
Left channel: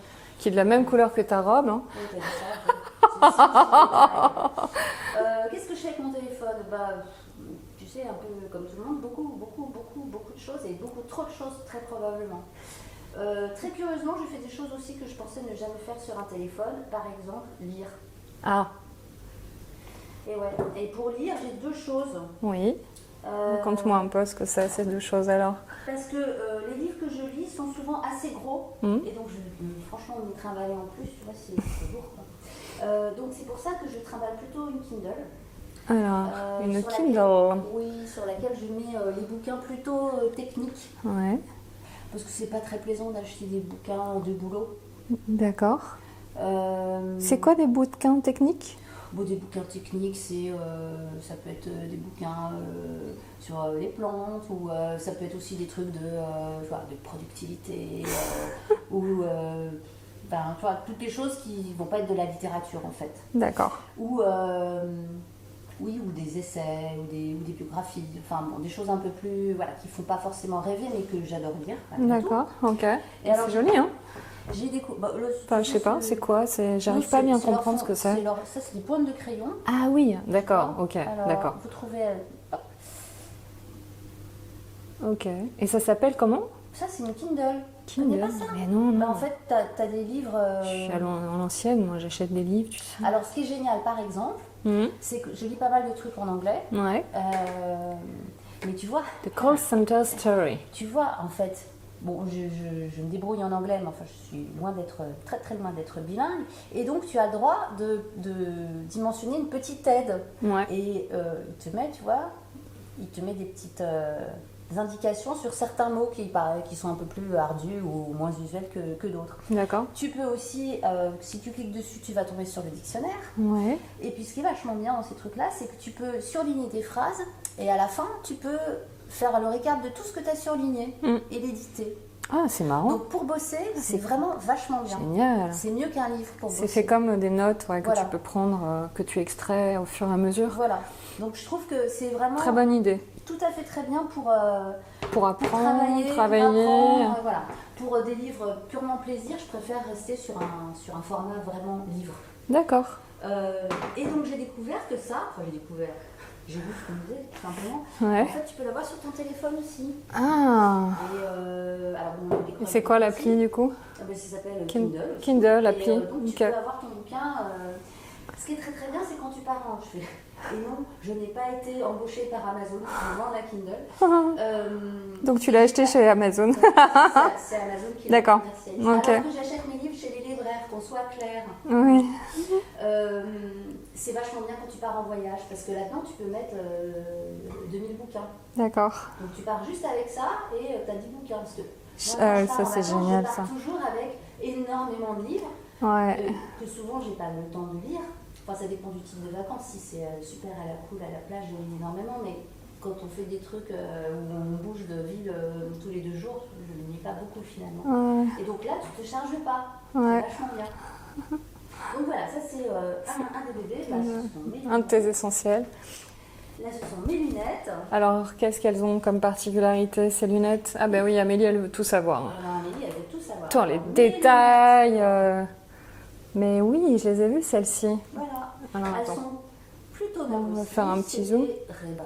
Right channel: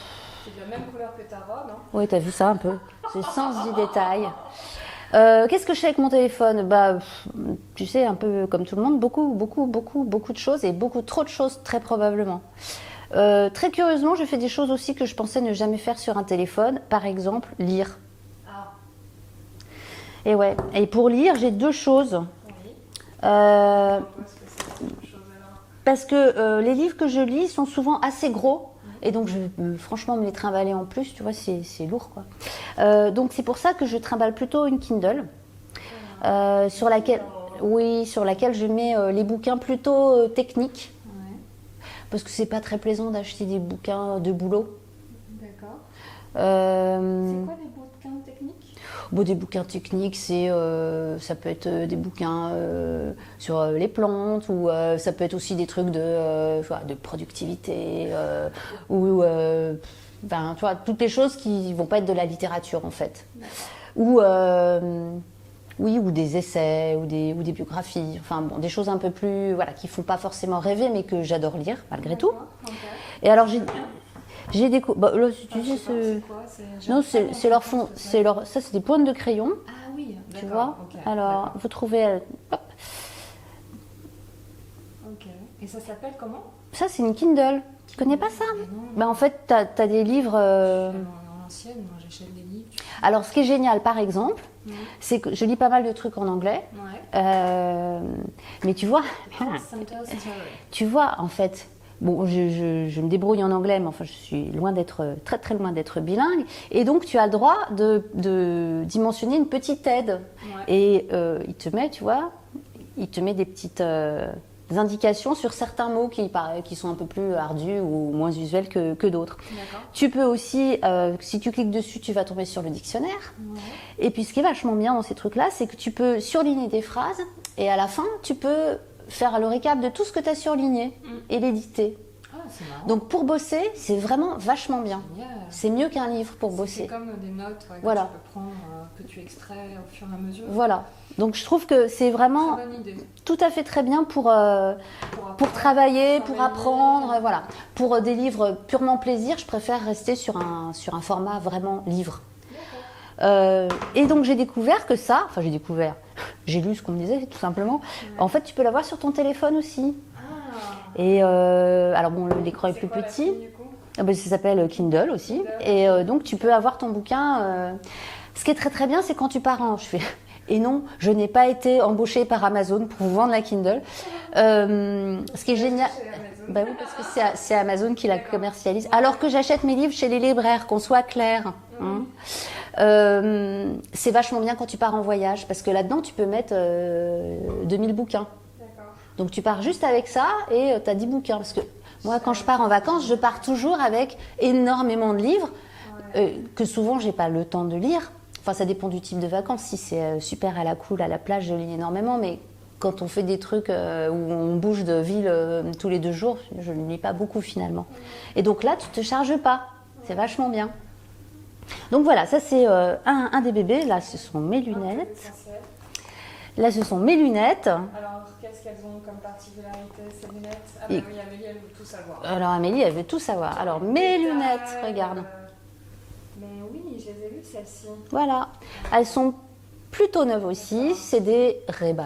qui est de la même couleur que ta robe, hein? Oui, t'as vu ça un peu. C'est sans détail. Qu'est-ce que je fais avec mon téléphone? Bah, tu sais, un peu comme tout le monde, beaucoup de choses et beaucoup trop de choses, très probablement. Très curieusement, je fais des choses aussi que je pensais ne jamais faire sur un téléphone. Par exemple, lire. Ah, Et ouais. Et pour lire, j'ai 2 choses. oui. Euh, Raconte-moi un peu ce que c'est, ces deux choses alors. Parce que les livres que je lis sont souvent assez gros Mhm. et donc je vais franchement me les trimballer en plus, tu vois, c'est lourd quoi. Donc c'est pour ça que je trimballe plutôt une Kindle Alors, sur laquelle je mets les bouquins plutôt techniques Ouais, parce que c'est pas très plaisant d'acheter des bouquins de boulot. d'accord. Euh, C'est quoi des bouquins techniques? Bon, des bouquins techniques, ça peut être des bouquins sur les plantes ou ça peut être aussi des trucs de productivité ou ben, tu vois, toutes les choses qui vont pas être de la littérature en fait. D'accord. Ou oui, ou des essais ou des biographies, enfin bon, des choses un peu plus voilà qui font pas forcément rêver mais que j'adore lire malgré tout. D'accord, ok. Et alors C'est joli, hein? j'ai découvert. Bah, là, si tu Enfin, je veux, sais pas, c'est quoi? Non, J'arrive pas à bien c'est leur comprendre fond. ce que c'est. Ça, c'est des pointes de crayon. Ah oui, tu d'accord, vois. ok. Alors, D'accord. vous trouvez. Hop. Ok. Et ça s'appelle comment? Ça, c'est une Kindle. Tu connais pas ça? Mais non, non. Bah, en fait, tu as des livres. Je suis à l'ancienne, moi j'achète des livres. Tu sais. Alors, ce qui est génial, par exemple, Mhm. c'est que je lis pas mal de trucs en anglais. Ouais. Mais tu vois, The Call Center Story. en fait, bon, je me débrouille en anglais, mais enfin, je suis loin d'être, très très loin d'être bilingue. Et donc, tu as le droit d'y mentionner une petite aide. Ouais. Et il te met, tu vois, il te met des petites indications sur certains mots qui sont un peu plus ardus ou moins usuels que d'autres. D'accord. Tu peux aussi, si tu cliques dessus, tu vas tomber sur le dictionnaire. Ouais. Et puis, ce qui est vachement bien dans ces trucs-là, c'est que tu peux surligner des phrases et à la fin, tu peux faire le récap de tout ce que tu as surligné et l'éditer. Ah, c'est marrant. Donc, pour bosser, c'est vraiment vachement bien. Génial. C'est mieux qu'un livre pour bosser. C'est comme des notes que Voilà. tu peux prendre, que tu extrais au fur et à mesure. Voilà. Donc, je trouve que c'est vraiment Très bonne idée. tout à fait très bien pour apprendre, travailler, pour apprendre. Voilà. Pour des livres purement plaisir, je préfère rester sur un format vraiment livre. D'accord. Et donc j'ai découvert que j'ai lu ce qu'on me disait tout simplement. Ouais. En fait, tu peux l'avoir sur ton téléphone aussi. Ah. Et alors bon, l'écran est C'est plus quoi petit. l'appli du coup? Ah ben, ça s'appelle Kindle aussi. Kindle, et l'appli. donc tu Nickel. peux avoir ton bouquin. Ce qui est très très bien, c'est quand tu pars en. Et non, je n'ai pas été embauchée par Amazon pour vendre la Kindle. Donc tu l'as acheté chez Amazon. Bah oui, parce que c'est Amazon qui la D'accord. commercialise. Ok. Alors que j'achète mes livres chez les libraires, qu'on soit clair. Oui. C'est vachement bien quand tu pars en voyage, parce que là-dedans, tu peux mettre 2000 bouquins. D'accord. Donc tu pars juste avec ça et tu as 10 bouquins. Parce que moi, quand je pars ça, en c'est vacances, génial, je pars ça. toujours avec énormément de livres Ouais. que souvent, j'ai pas le temps de lire. Enfin, ça dépend du type de vacances. Si c'est super à la cool, à la plage, je lis énormément. Mais quand on fait des trucs où on bouge de ville tous les 2 jours, je ne lis pas beaucoup finalement. Ouais. Et donc là, tu te charges pas. Ouais. C'est vachement bien. Donc voilà, ça c'est un des bébés. Là, ce sont mes Un de tes lunettes. essentiels. Là, ce sont mes lunettes. Alors, qu'est-ce qu'elles ont comme particularité, ces lunettes? Ah ben oui, Amélie, elle veut tout savoir. Alors Amélie, elle veut tout savoir. Toi, Alors, les mes détails, lunettes, regarde. Mais oui, je les ai vues, celles-ci. Voilà. Alors, Elles attends. sont plutôt neuves On va aussi. faire un C'est petit des Ray-Ban.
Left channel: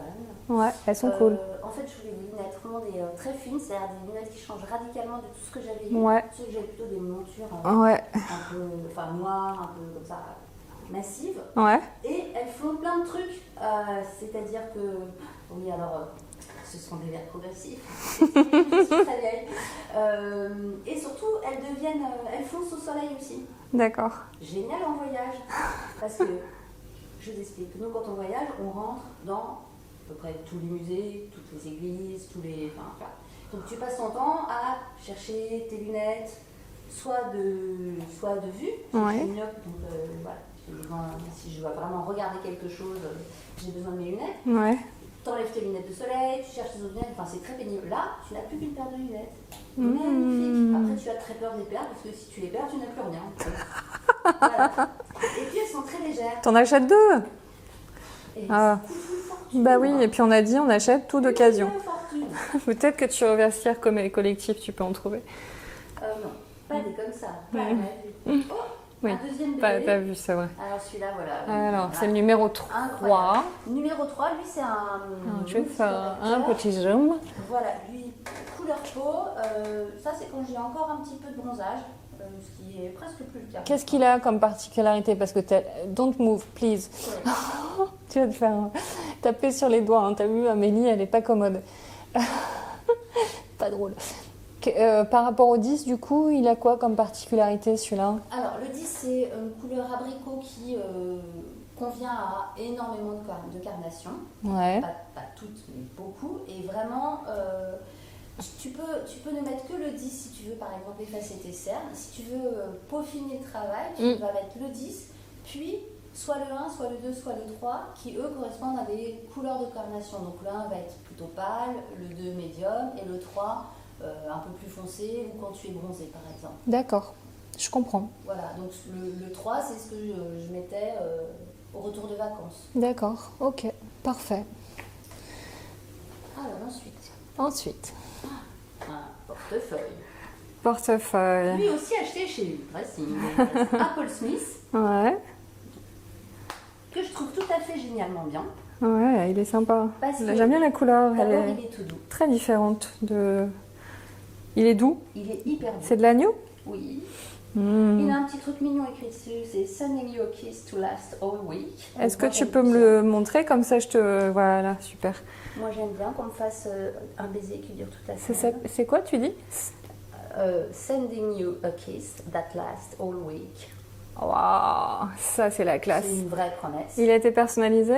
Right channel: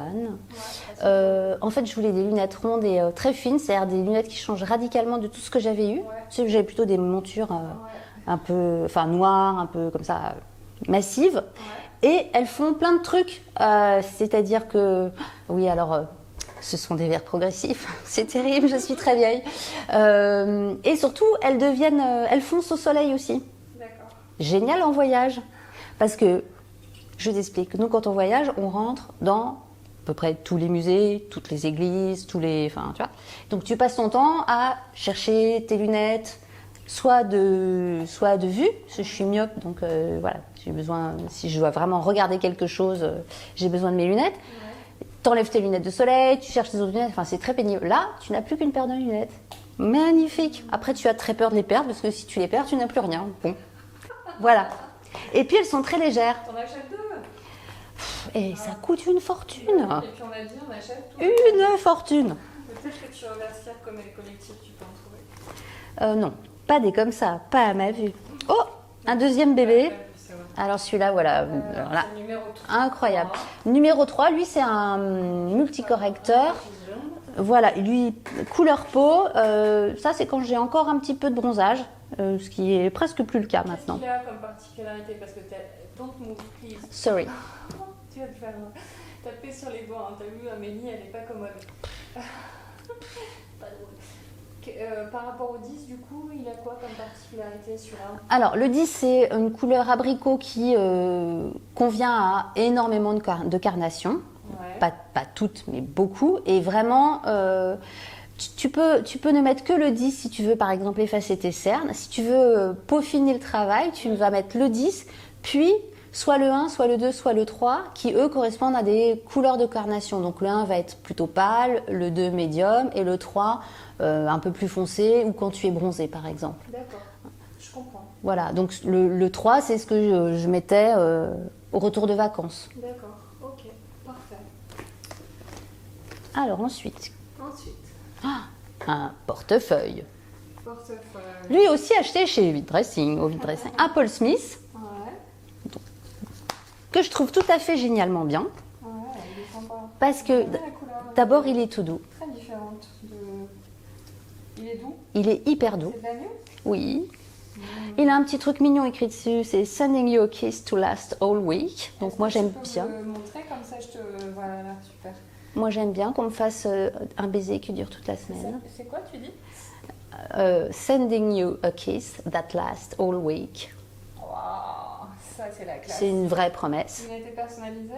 Ouais, elles sont cool. En fait, je voulais des lunettes rondes et très fines, c'est-à-dire des lunettes qui changent radicalement de tout ce que j'avais eu. Ouais. Tu sais, j'avais plutôt des montures Ouais. un peu, enfin noires, un peu comme ça, massives. Ouais. Et elles font plein de trucs. C'est-à-dire que, oui, alors, ce sont des verres progressifs. C'est terrible, je suis très vieille. Et surtout, elles foncent au soleil aussi. D'accord. Génial en voyage. Parce que, je t'explique, nous, quand on voyage, on rentre dans à peu près tous les musées, toutes les églises, enfin, tu vois. Donc, tu passes ton temps à chercher tes lunettes, soit de vue, parce que Ouais. je suis myope, donc voilà, j'ai besoin, si je dois vraiment regarder quelque chose, j'ai besoin de mes lunettes. Ouais. T'enlèves tes lunettes de soleil, tu cherches tes autres lunettes, enfin, c'est très pénible. Là, tu n'as plus qu'une paire de lunettes. Magnifique. Après, tu as très peur de les perdre, parce que si tu les perds, tu n'as plus rien. Bon. Voilà. Et puis, elles sont très légères. T'en achètes 2? Et Ah. ça coûte une fortune. Bah oui, et puis on a dit, on achète tout une d'occasion. fortune. Peut-être que tu reversières comme collectif, tu peux en trouver. Non, pas des comme ça, pas à ma vue. Oh, Oui. un deuxième bébé. Pas vu, c'est vrai. Alors celui-là, voilà. Alors, voilà. c'est le numéro 3. Incroyable. Numéro 3, lui, c'est un multicorrecteur. Un petit zoom. Voilà, lui, couleur peau. Ça, c'est quand j'ai encore un petit peu de bronzage, ce qui est presque plus le cas Qu'est-ce maintenant. qu'il a comme particularité? Parce que don't move, please. Sorry. Tu vas te faire taper sur les doigts. Hein. T'as vu, Amélie, elle est pas commode. Pas drôle. Par rapport au 10, du coup, il a quoi comme particularité, celui-là? Alors, le 10, c'est une couleur abricot qui convient à énormément de carnations. Ouais. Pas toutes, mais beaucoup. Et vraiment, tu peux ne mettre que le 10 si tu veux, par exemple, effacer tes cernes. Si tu veux peaufiner le travail, tu vas mettre le 10, puis soit le 1, soit le 2, soit le 3, qui, eux, correspondent à des couleurs de carnation. Donc, le 1 va être plutôt pâle, le 2 médium, et le 3 un peu plus foncé, ou quand tu es bronzé, par exemple. D'accord, je comprends. Voilà, donc le 3, c'est ce que je mettais au retour de vacances. D'accord, ok, parfait. Alors ensuite, Ensuite, un portefeuille. portefeuille. Lui aussi acheté chez Vide Dressing, un Paul Smith, Ouais, que je trouve tout à fait génialement bien. ouais, il est sympa. Parce que j'aime bien la couleur. D'abord, elle il est tout doux. très différente de. Il est doux. Il est hyper doux. C'est de l'agneau. Oui. Il a un petit truc mignon écrit dessus, c'est Sending you a kiss to last all week. Est-ce que Moi, tu j'aime peux me bien. le montrer comme ça je te. Voilà, super. Moi j'aime bien qu'on me fasse un baiser qui dure toute la semaine. C'est quoi tu dis? Sending you a kiss that lasts all week. Waouh, ça c'est la classe. C'est une vraie promesse. Il a été personnalisé?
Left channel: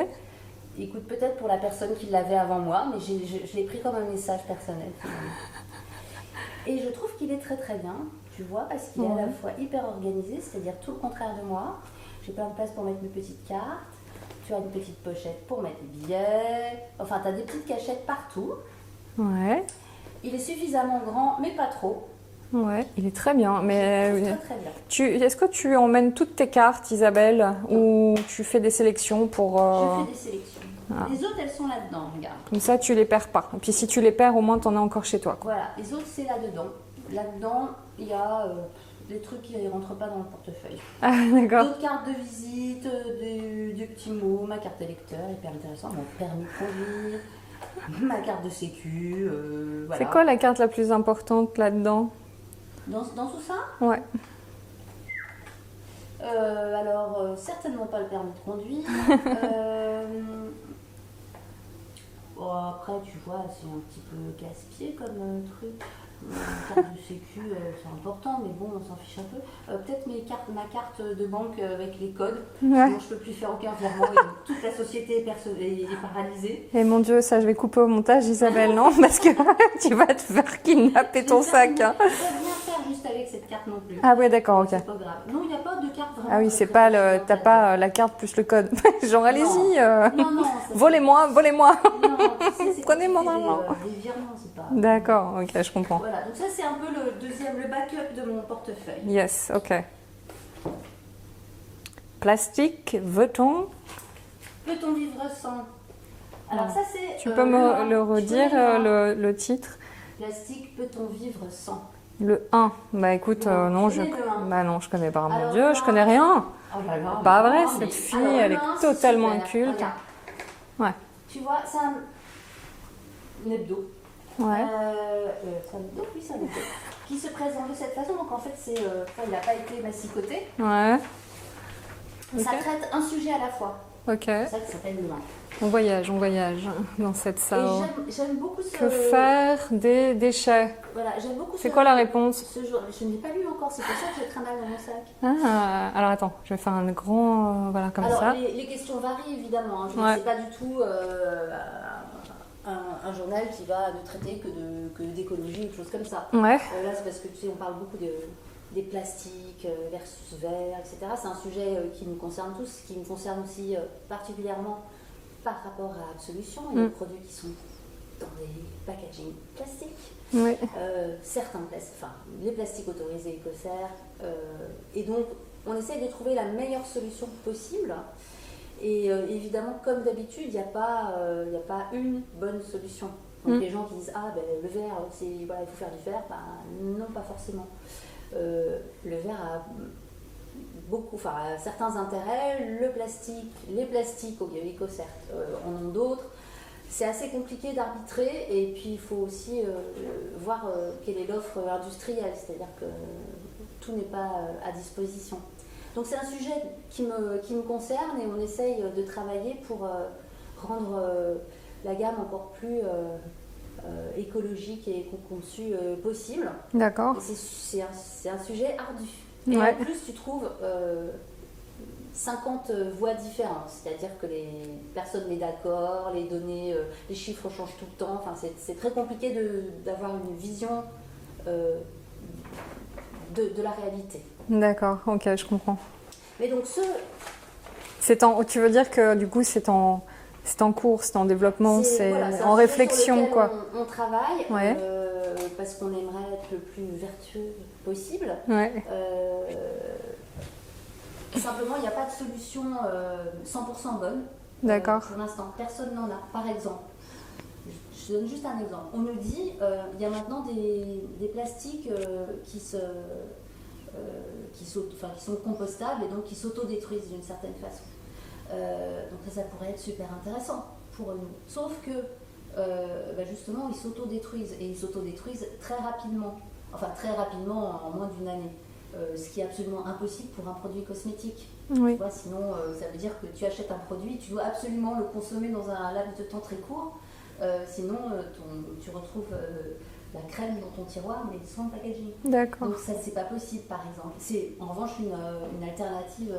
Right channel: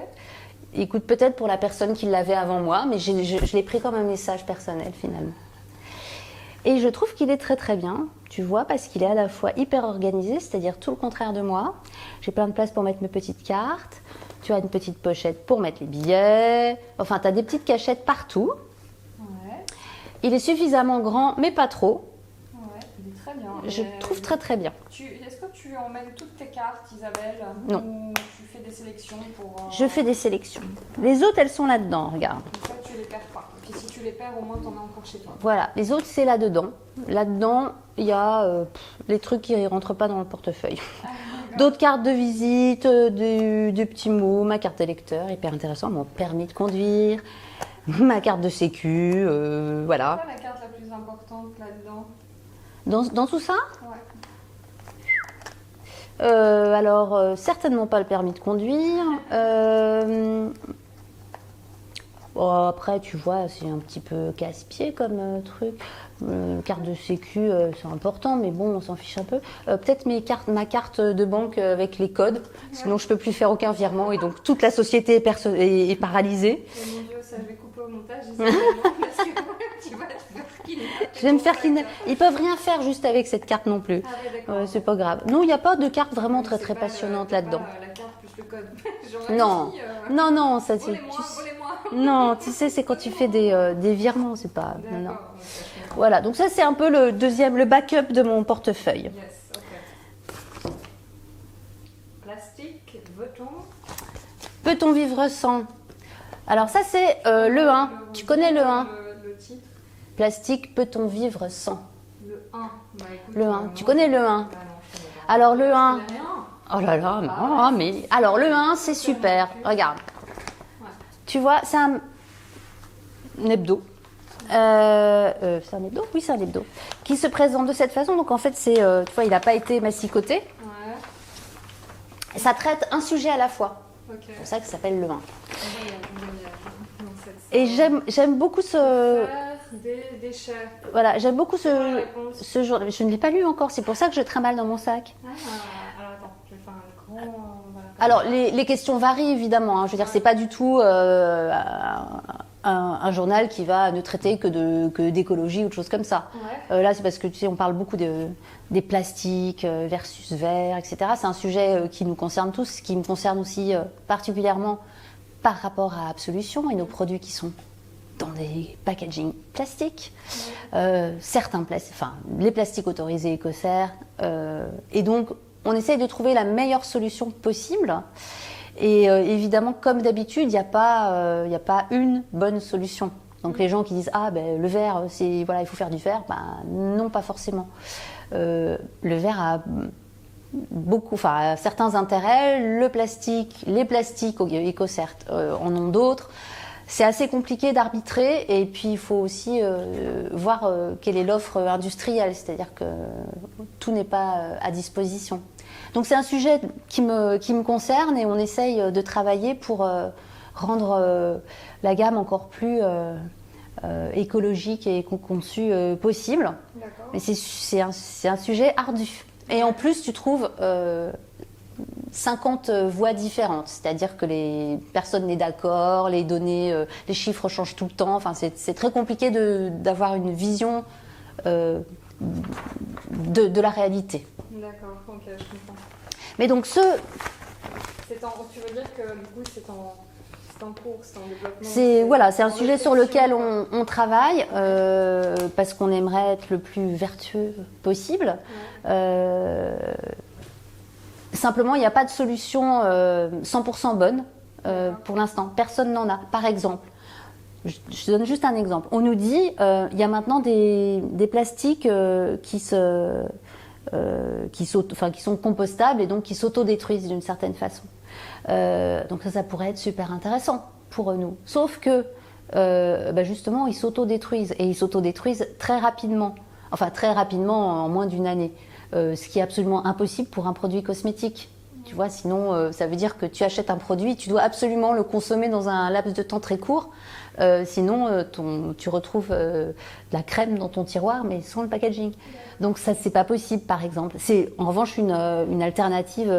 Écoute, peut-être pour la personne qui l'avait avant moi, mais je l'ai pris comme un message personnel finalement. Et je trouve qu'il est très très bien, tu vois, parce qu'il est à la fois hyper organisé, c'est-à-dire tout le contraire de moi. J'ai plein de place pour mettre mes petites cartes. Tu as une petite pochette pour mettre les billets. Enfin, tu as des petites cachettes partout. Ouais. Il est suffisamment grand, mais pas trop. Ouais, il est très bien. Mais je trouve très très bien. Est-ce que tu emmènes toutes tes cartes, Isabelle? Non. Ou tu fais des sélections pour... Je fais des sélections. Les autres, elles sont là-dedans, regarde. Comme ça, tu les perds pas. Et puis si tu les perds, au moins, tu en as encore chez toi. Voilà, les autres, c'est là-dedans. Là-dedans, il y a les trucs qui ne rentrent pas dans le portefeuille. Ah, d'accord. D'autres cartes de visite, des petits mots, ma carte électeur, hyper intéressant, mon permis de conduire, ma carte de sécu, voilà. C'est quoi la carte la plus importante là-dedans? Dans tout ça, Ouais. alors certainement pas le permis de conduire. Bon, après, tu vois, c'est un petit peu casse-pied comme truc. Carte de sécu, c'est important, mais bon, on s'en fiche un peu. Peut-être ma carte de banque avec les codes, sinon je peux plus faire aucun virement et donc toute la société est paralysée. Et mon Dieu, ça je vais couper au montage, Isabelle, non? Parce que tu vas te faire kidnapper ton sac. Hein. Ils peuvent rien faire juste avec cette carte non plus. Ah ouais, d'accord. Ok. C'est pas grave. Non, il n'y a pas de carte vraiment très c'est très pas passionnante t'as là-dedans. pas la carte plus le code. Genre allez-y. Non, ça, volez-moi. Non, tu sais, c'est quand tu fais des virements, c'est pas. D'accord, ok, je comprends. Voilà, donc ça c'est un peu le backup de mon portefeuille. Yes, ok. Plastique, veut-on? Peut-on vivre sans? Alors ça c'est Tu peux le 1. Tu connais le 1? Le titre? Plastique, peut-on vivre sans? Le 1. Bah écoute, Le 1. non. Tu connais le 1? Bah non, je connais pas. Alors Dieu, le 1. je connais rien. Oh là là, Pas vrai, mais... cette fille, Alors elle le est 1 c'est totalement super. culte. Regarde. Ouais. Tu vois, c'est un hebdo. Ouais. C'est un hebdo? Oui, c'est un hebdo. Qui se présente de cette façon. Donc en fait, c'est, tu vois, il n'a pas été massicoté. Ouais. Ça traite un sujet à la fois. Ok. C'est pour ça que ça s'appelle le 1. On voyage dans cette salle. Et j'aime beaucoup ce... Que faire des déchets? Voilà, j'aime beaucoup ce... C'est quoi la réponse? Ce jour... Je ne l'ai pas lu encore, c'est pour ça que je trimballe dans mon sac. Ah, alors attends, je vais faire un grand... voilà, comme Alors, ça. les questions varient évidemment. Hein. Je veux dire, c'est pas du tout un journal qui va ne traiter que d'écologie ou de choses comme ça. Ouais. Là, c'est parce que tu sais, on parle beaucoup des plastiques versus verre, etc. C'est un sujet qui nous concerne tous, qui me concerne aussi particulièrement par rapport à Absolution et nos produits qui sont dans des packaging plastiques. Oui. Certains les plastiques autorisés Écocert. Et donc, on essaye de trouver la meilleure solution possible. Et évidemment, comme d'habitude, il n'y a pas une bonne solution. Donc les gens qui disent le verre, voilà, il faut faire du verre, non, pas forcément. Le verre a certains intérêts. Les plastiques Écocert en ont d'autres. C'est assez compliqué d'arbitrer et puis il faut aussi voir quelle est l'offre industrielle, c'est-à-dire que tout n'est pas à disposition. Donc c'est un sujet qui me concerne et on essaye de travailler pour rendre la gamme encore plus écologique et conçue possible. D'accord. Mais c'est un sujet ardu. Et en plus, tu trouves 50 voix différentes, c'est-à-dire que les personnes n'est d'accord, les données, les chiffres changent tout le temps. Enfin, c'est très compliqué d'avoir une vision de la réalité. D'accord, ok, je comprends. Mais donc tu veux dire que du coup c'est en cours, c'est en développement, c'est un sujet sur lequel on travaille parce qu'on aimerait être le plus vertueux possible. Ouais. Simplement, il n'y a pas de solution 100% bonne pour l'instant. Personne n'en a. Par exemple, je donne juste un exemple. On nous dit il y a maintenant des plastiques qui sont compostables et donc qui s'autodétruisent d'une certaine façon. Donc ça pourrait être super intéressant pour nous. Sauf que justement, ils s'autodétruisent et ils s'autodétruisent très rapidement. Enfin, très rapidement, en moins d'une année. Ce qui est absolument impossible pour un produit cosmétique. Oui. Tu vois, sinon, ça veut dire que tu achètes un produit, tu dois absolument le consommer dans un laps de temps très court Sinon, tu retrouves de la crème dans ton tiroir, mais sans le packaging. D'accord. Donc ça, c'est pas possible, par exemple. C'est en revanche une alternative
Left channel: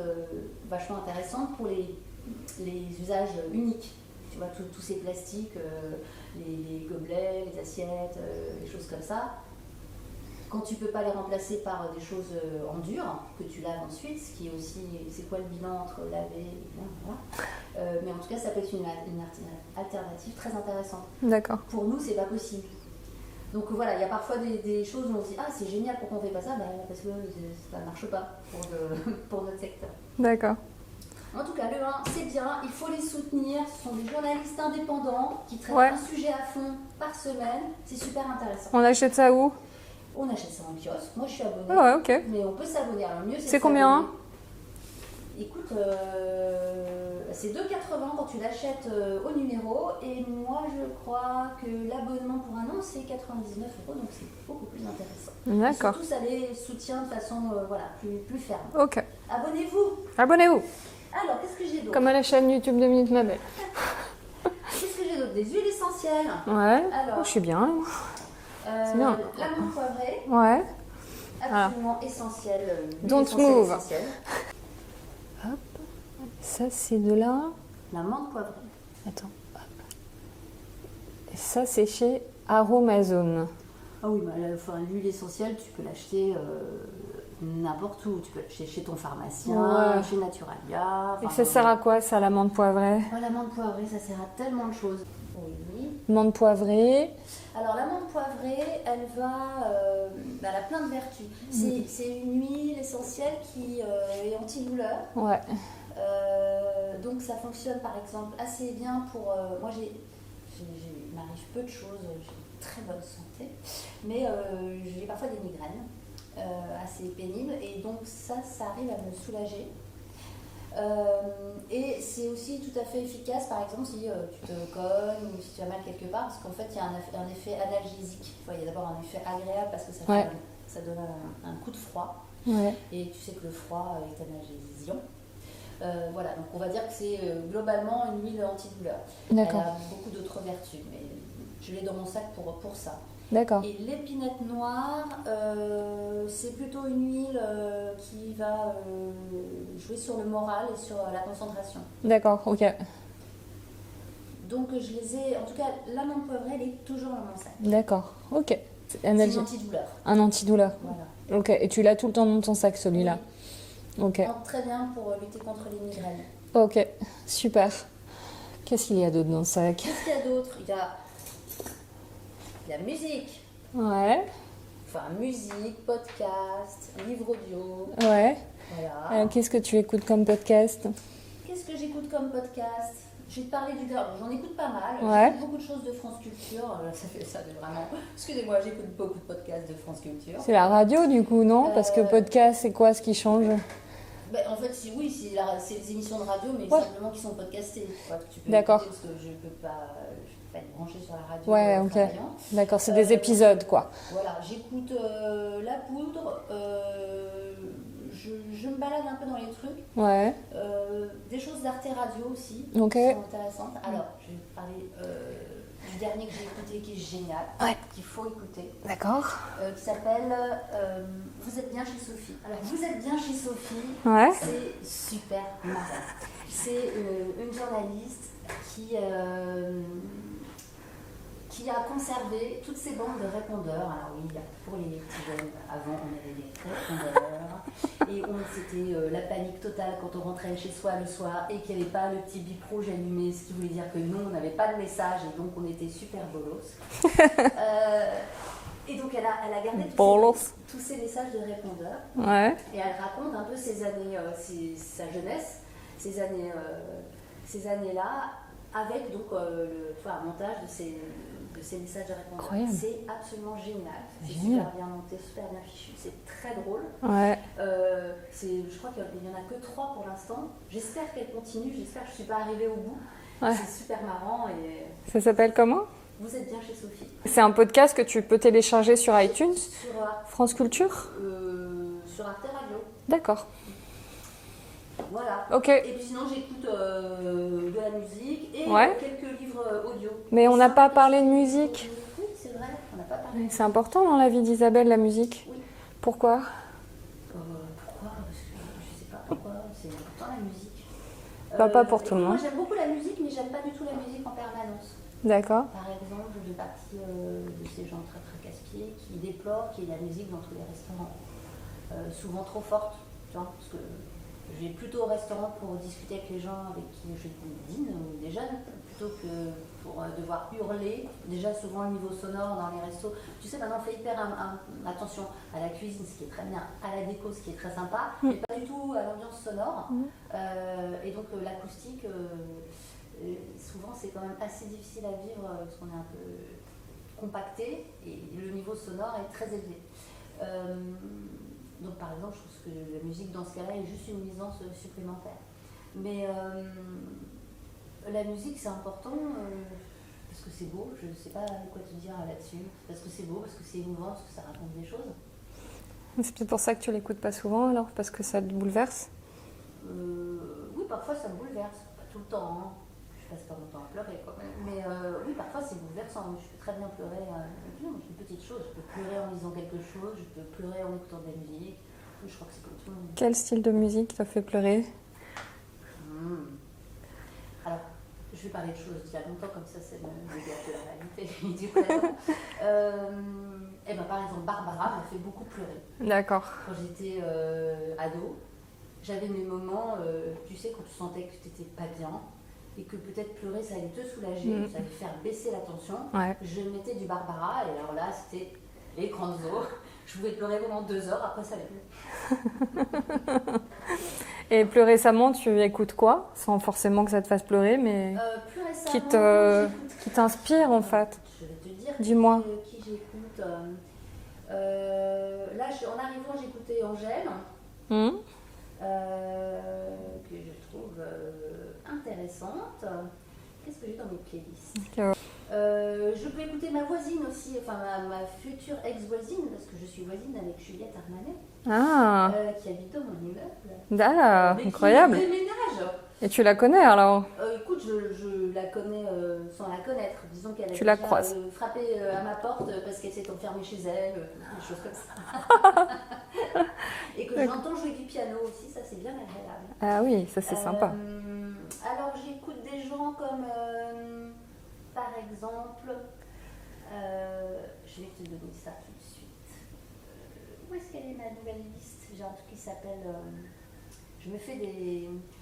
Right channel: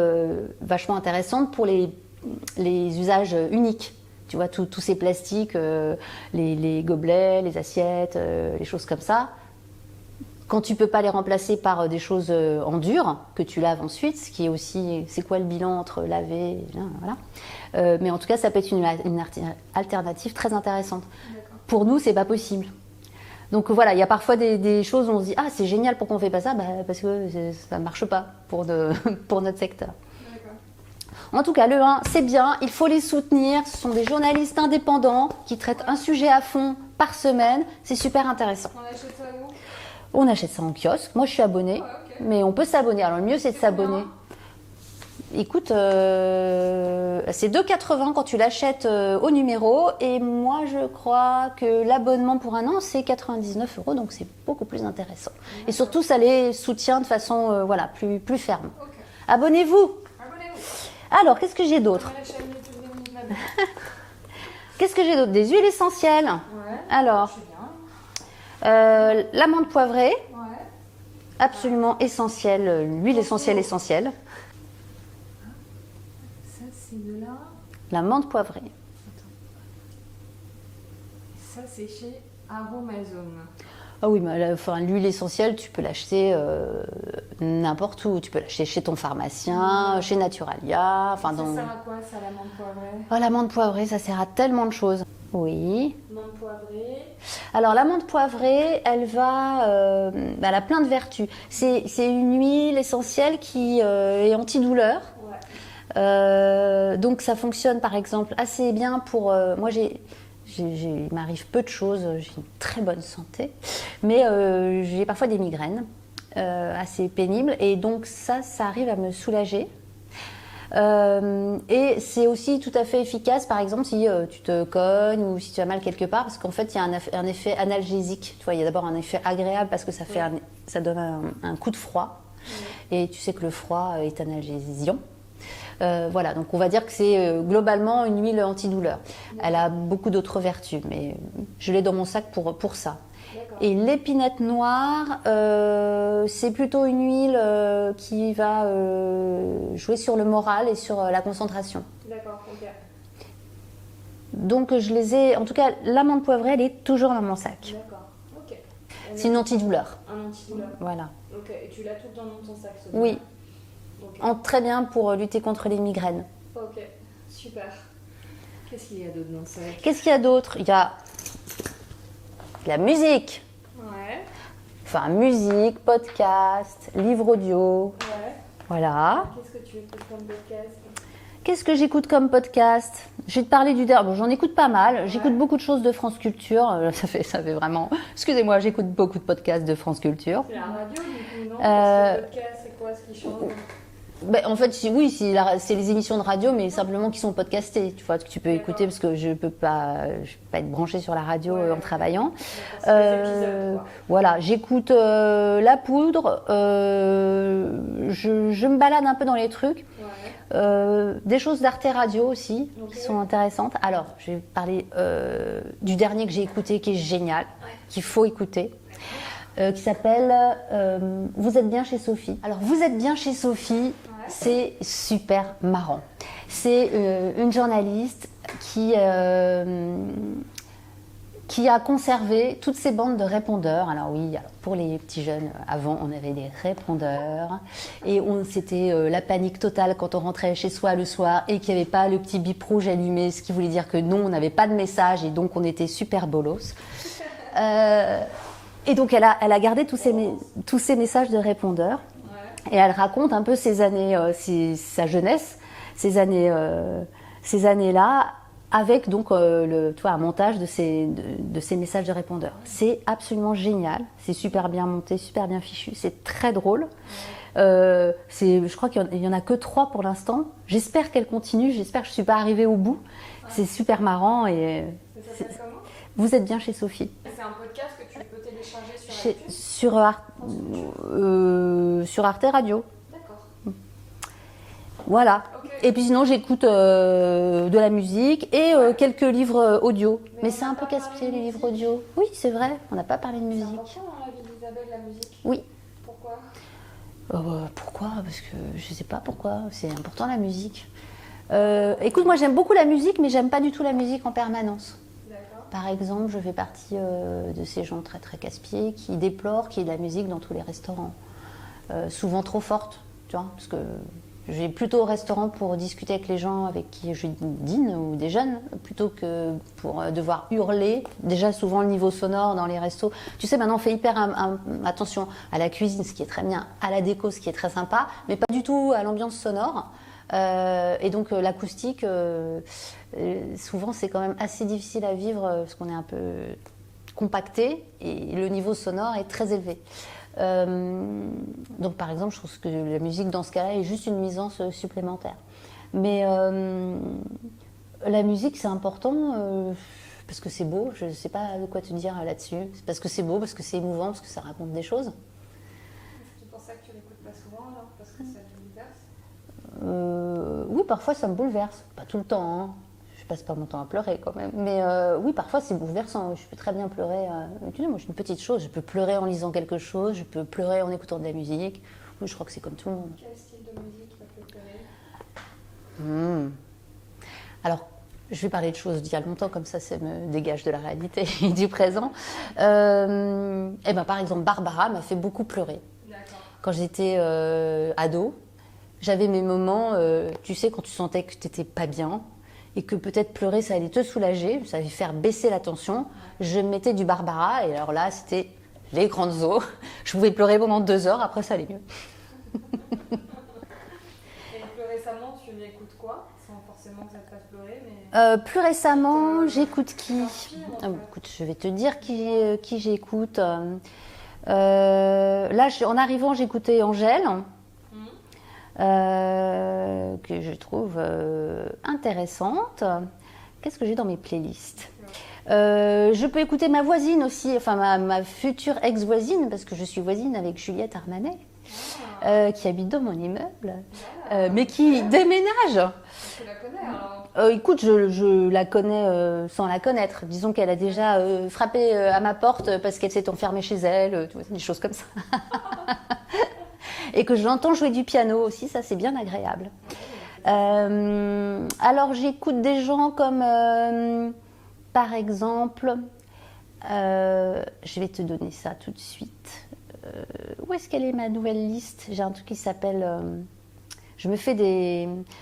vachement intéressante pour les usages uniques. Tu vois, tous ces plastiques, les gobelets, les assiettes, les choses comme ça. Quand tu peux pas les remplacer par des choses en dur que tu laves ensuite, ce qui est aussi, c'est quoi le bilan entre laver et voilà. Mais en tout cas, ça peut être une alternative très intéressante. D'accord. Pour nous, c'est pas possible. Donc voilà, il y a parfois des choses où on se dit ah c'est génial, pourquoi on fait pas ça, parce que ça marche pas pour notre secteur. D'accord. En tout cas, le 1, c'est bien, il faut les soutenir. Ce sont des journalistes indépendants qui traitent un sujet à fond par semaine. C'est super intéressant. On achète ça où? On achète ça en kiosque. Moi, je suis abonnée, ok. mais on peut s'abonner. Alors, le mieux, c'est de s'abonner. Combien? Écoute, c'est 2,80 quand tu l'achètes au numéro. Et moi, je crois que l'abonnement pour un an, c'est 99 €. Donc, c'est beaucoup plus intéressant. D'accord. Et surtout, ça les soutient de façon plus ferme. Ok. Abonnez-vous. Abonnez-vous. Alors, qu'est-ce que j'ai d'autre? Comme à la chaîne YouTube de Minute Ma Belle. Qu'est-ce que j'ai d'autre? Des huiles essentielles. Ouais. Alors, je suis bien. l'amande poivrée. Ouais. Absolument essentielle. L'huile essentielle. Hop. Ça, c'est de là. L'amande poivrée. Attends. Hop. Et ça, c'est chez Aromazone. Ah oui, mais l'huile essentielle, tu peux l'acheter n'importe où. Tu peux l'acheter chez ton pharmacien, chez Naturalia. Ça sert à quoi, ça, l'amande poivrée? L'amande poivrée, ça sert à tellement de choses. Oui. L'amande poivrée. Alors, l'amande poivrée, elle a plein de vertus. C'est une huile essentielle qui est antidouleur. Ouais. Donc, ça fonctionne, par exemple, assez bien pour... moi, il m'arrive peu de choses, j'ai une très bonne santé, mais j'ai parfois des migraines assez pénibles et donc ça arrive à me soulager. Et c'est aussi tout à fait efficace, par exemple, si tu te cognes ou si tu as mal quelque part, parce qu'en fait, il y a un effet analgésique. Tu vois, il y a d'abord un effet agréable parce que ça donne un coup de froid. Ouais. Et tu sais que le froid est analgésiant. Voilà, donc on va dire que c'est globalement une huile antidouleur. Elle a beaucoup d'autres vertus, mais je l'ai dans mon sac pour ça. D'accord. Et l'épinette noire, c'est plutôt une huile qui va jouer sur le moral et sur la concentration. D'accord, ok. Donc je les ai, en tout cas l'amande poivrée, elle est toujours dans mon sac. D'accord, ok. C'est une antidouleur. Un antidouleur. Voilà. Ok, et tu l'as tout le temps dans ton sac, celui-là? Oui. Okay. Très bien pour lutter contre les migraines. Ok, super. Qu'est-ce qu'il y a d'autre dans le sac? Qu'est-ce qu'il y a d'autre? Il y a la musique. Ouais. Enfin, musique, podcast, livre audio. Ouais. Voilà. Qu'est-ce que tu écoutes comme podcast? Qu'est-ce que j'écoute comme podcast? Je vais te parler du dernier. Bon, j'en écoute pas mal. Ouais. J'écoute beaucoup de choses de France Culture. Ça fait vraiment... Excusez-moi, j'écoute beaucoup de podcasts de France Culture. C'est la radio du coup, non? Parce que podcast, c'est quoi ce qui change? En fait, oui, c'est les émissions de radio, mais simplement qui sont podcastées. Tu vois, que tu peux écouter parce que je peux pas être branchée sur la radio en travaillant. D'accord, c'est des épisodes, quoi. Voilà, j'écoute La Poudre. Je me balade un peu dans les trucs. Ouais. Des choses d'Arte Radio aussi qui sont intéressantes. Alors, je vais parler du dernier que j'ai écouté, qui est génial, qu'il faut écouter. D'accord. Qui s'appelle Vous êtes bien chez Sophie. Alors, Vous êtes bien chez Sophie. Ouais. C'est super marrant. C'est une journaliste qui a conservé toutes ces bandes de répondeurs. Alors oui, pour les petits jeunes, avant on avait des répondeurs et c'était la panique totale quand on rentrait chez soi le soir et qu'il n'y avait pas le petit bip rouge allumé, ce qui voulait dire que non, on n'avait pas de message et donc on était super bolos. Et donc, elle a gardé tous ces messages de répondeurs. Ouais. Et elle raconte un peu ses années, sa jeunesse, ces années-là, avec donc un montage de ces messages de répondeurs. Ouais. C'est absolument génial. C'est super bien monté, super bien fichu. C'est très drôle. Ouais. Je crois qu'il n'y en a que 3 pour l'instant. J'espère qu'elle continue. J'espère que je ne suis pas arrivée au bout. Ouais. C'est super marrant. Ça s'appelle comment ? Vous êtes bien chez Sophie. C'est un podcast que tu peux télécharger sur iTunes? Sur France Culture? Sur Arte Radio. D'accord. Voilà. Ok. Et puis sinon, j'écoute de la musique et Ouais. quelques livres audio. Mais on c'est n'a un peu pas parlé de casse-pied, les livres musique. audio. Oui, c'est vrai, on n'a pas parlé de C'est musique. important dans la vie d'Isabelle, la musique. Oui. Pourquoi? Pourquoi? Parce que je sais pas pourquoi. C'est important la musique. Pas pour tout Écoute, le moi monde. j'aime beaucoup la musique, mais j'aime pas du tout la musique en permanence. D'accord. Par exemple, je fais partie de ces gens très très casse-pieds qui déplorent qu'il y ait de la musique dans tous les restaurants. Souvent trop forte, tu vois, parce que je vais plutôt au restaurant pour discuter avec les gens avec qui je dîne ou des jeunes, plutôt que pour devoir hurler. Déjà, souvent, le niveau sonore dans les restos. Tu sais, maintenant, on fait hyper attention à la cuisine, ce qui est très bien, à la déco, ce qui est très sympa, mais pas du tout à l'ambiance sonore. Et donc, l'acoustique, souvent, c'est quand même assez difficile à vivre parce qu'on est un peu compacté et le niveau sonore est très élevé. Donc par exemple, je trouve que la musique dans ce cas-là est juste une nuisance supplémentaire. Mais la musique, c'est important parce que c'est beau. Je ne sais pas de quoi te dire là-dessus. C'est parce que c'est beau, parce que c'est émouvant, parce que ça raconte des choses. C'est peut-être pour ça que tu l'écoutes pas souvent alors, parce que ça te bouleverse. Oui, parfois ça me bouleverse. Pas tout le temps, hein. Je passe pas mon temps à pleurer quand même. Mais oui, parfois c'est bouleversant. Je peux très bien pleurer. Tu sais, moi, je suis une petite chose. Je peux pleurer en lisant quelque chose. Je peux pleurer en écoutant de la musique. Oui, je crois que c'est comme tout le monde. Quel style de musique t'a fait pleurer? Alors, je vais parler de choses d'il y a longtemps, comme ça me dégage de la réalité et du présent. Et ben, par exemple, Barbara m'a fait beaucoup pleurer. D'accord. Quand j'étais ado, j'avais mes moments, tu sais, quand tu sentais que tu n'étais pas bien et que peut-être pleurer, ça allait te soulager, ça allait faire baisser la tension. Ouais. Je mettais du Barbara et alors là, c'était les grandes eaux. Je pouvais pleurer pendant 2 heures, après ça allait mieux. Et plus récemment, tu écoutes quoi? Sans forcément que ça te fasse pleurer, mais Plus récemment, j'écoute qui t'inspire en fait. Écoute, je vais te dire Dis-moi. qui j'écoute. Là, en arrivant, j'écoutais Angèle. Que je trouve intéressante. Qu'est-ce que j'ai dans mes playlists? Je peux écouter ma voisine aussi, enfin ma future ex-voisine, parce que je suis voisine avec Juliette Armanet, qui habite dans mon immeuble, mais qui incroyable. déménage. Et tu la connais alors? Écoute, je la connais sans la connaître. Disons qu'elle a Tu la déjà croises. frappé à ma porte parce qu'elle s'est enfermée chez elle, tu vois, des choses comme ça. Et que je l'entends jouer du piano aussi, ça c'est bien agréable. Ah oui, ça c'est sympa. Alors j'écoute des gens comme, par exemple, je vais te donner ça tout de suite. Où est-ce qu'elle est ma nouvelle liste? J'ai un truc qui s'appelle...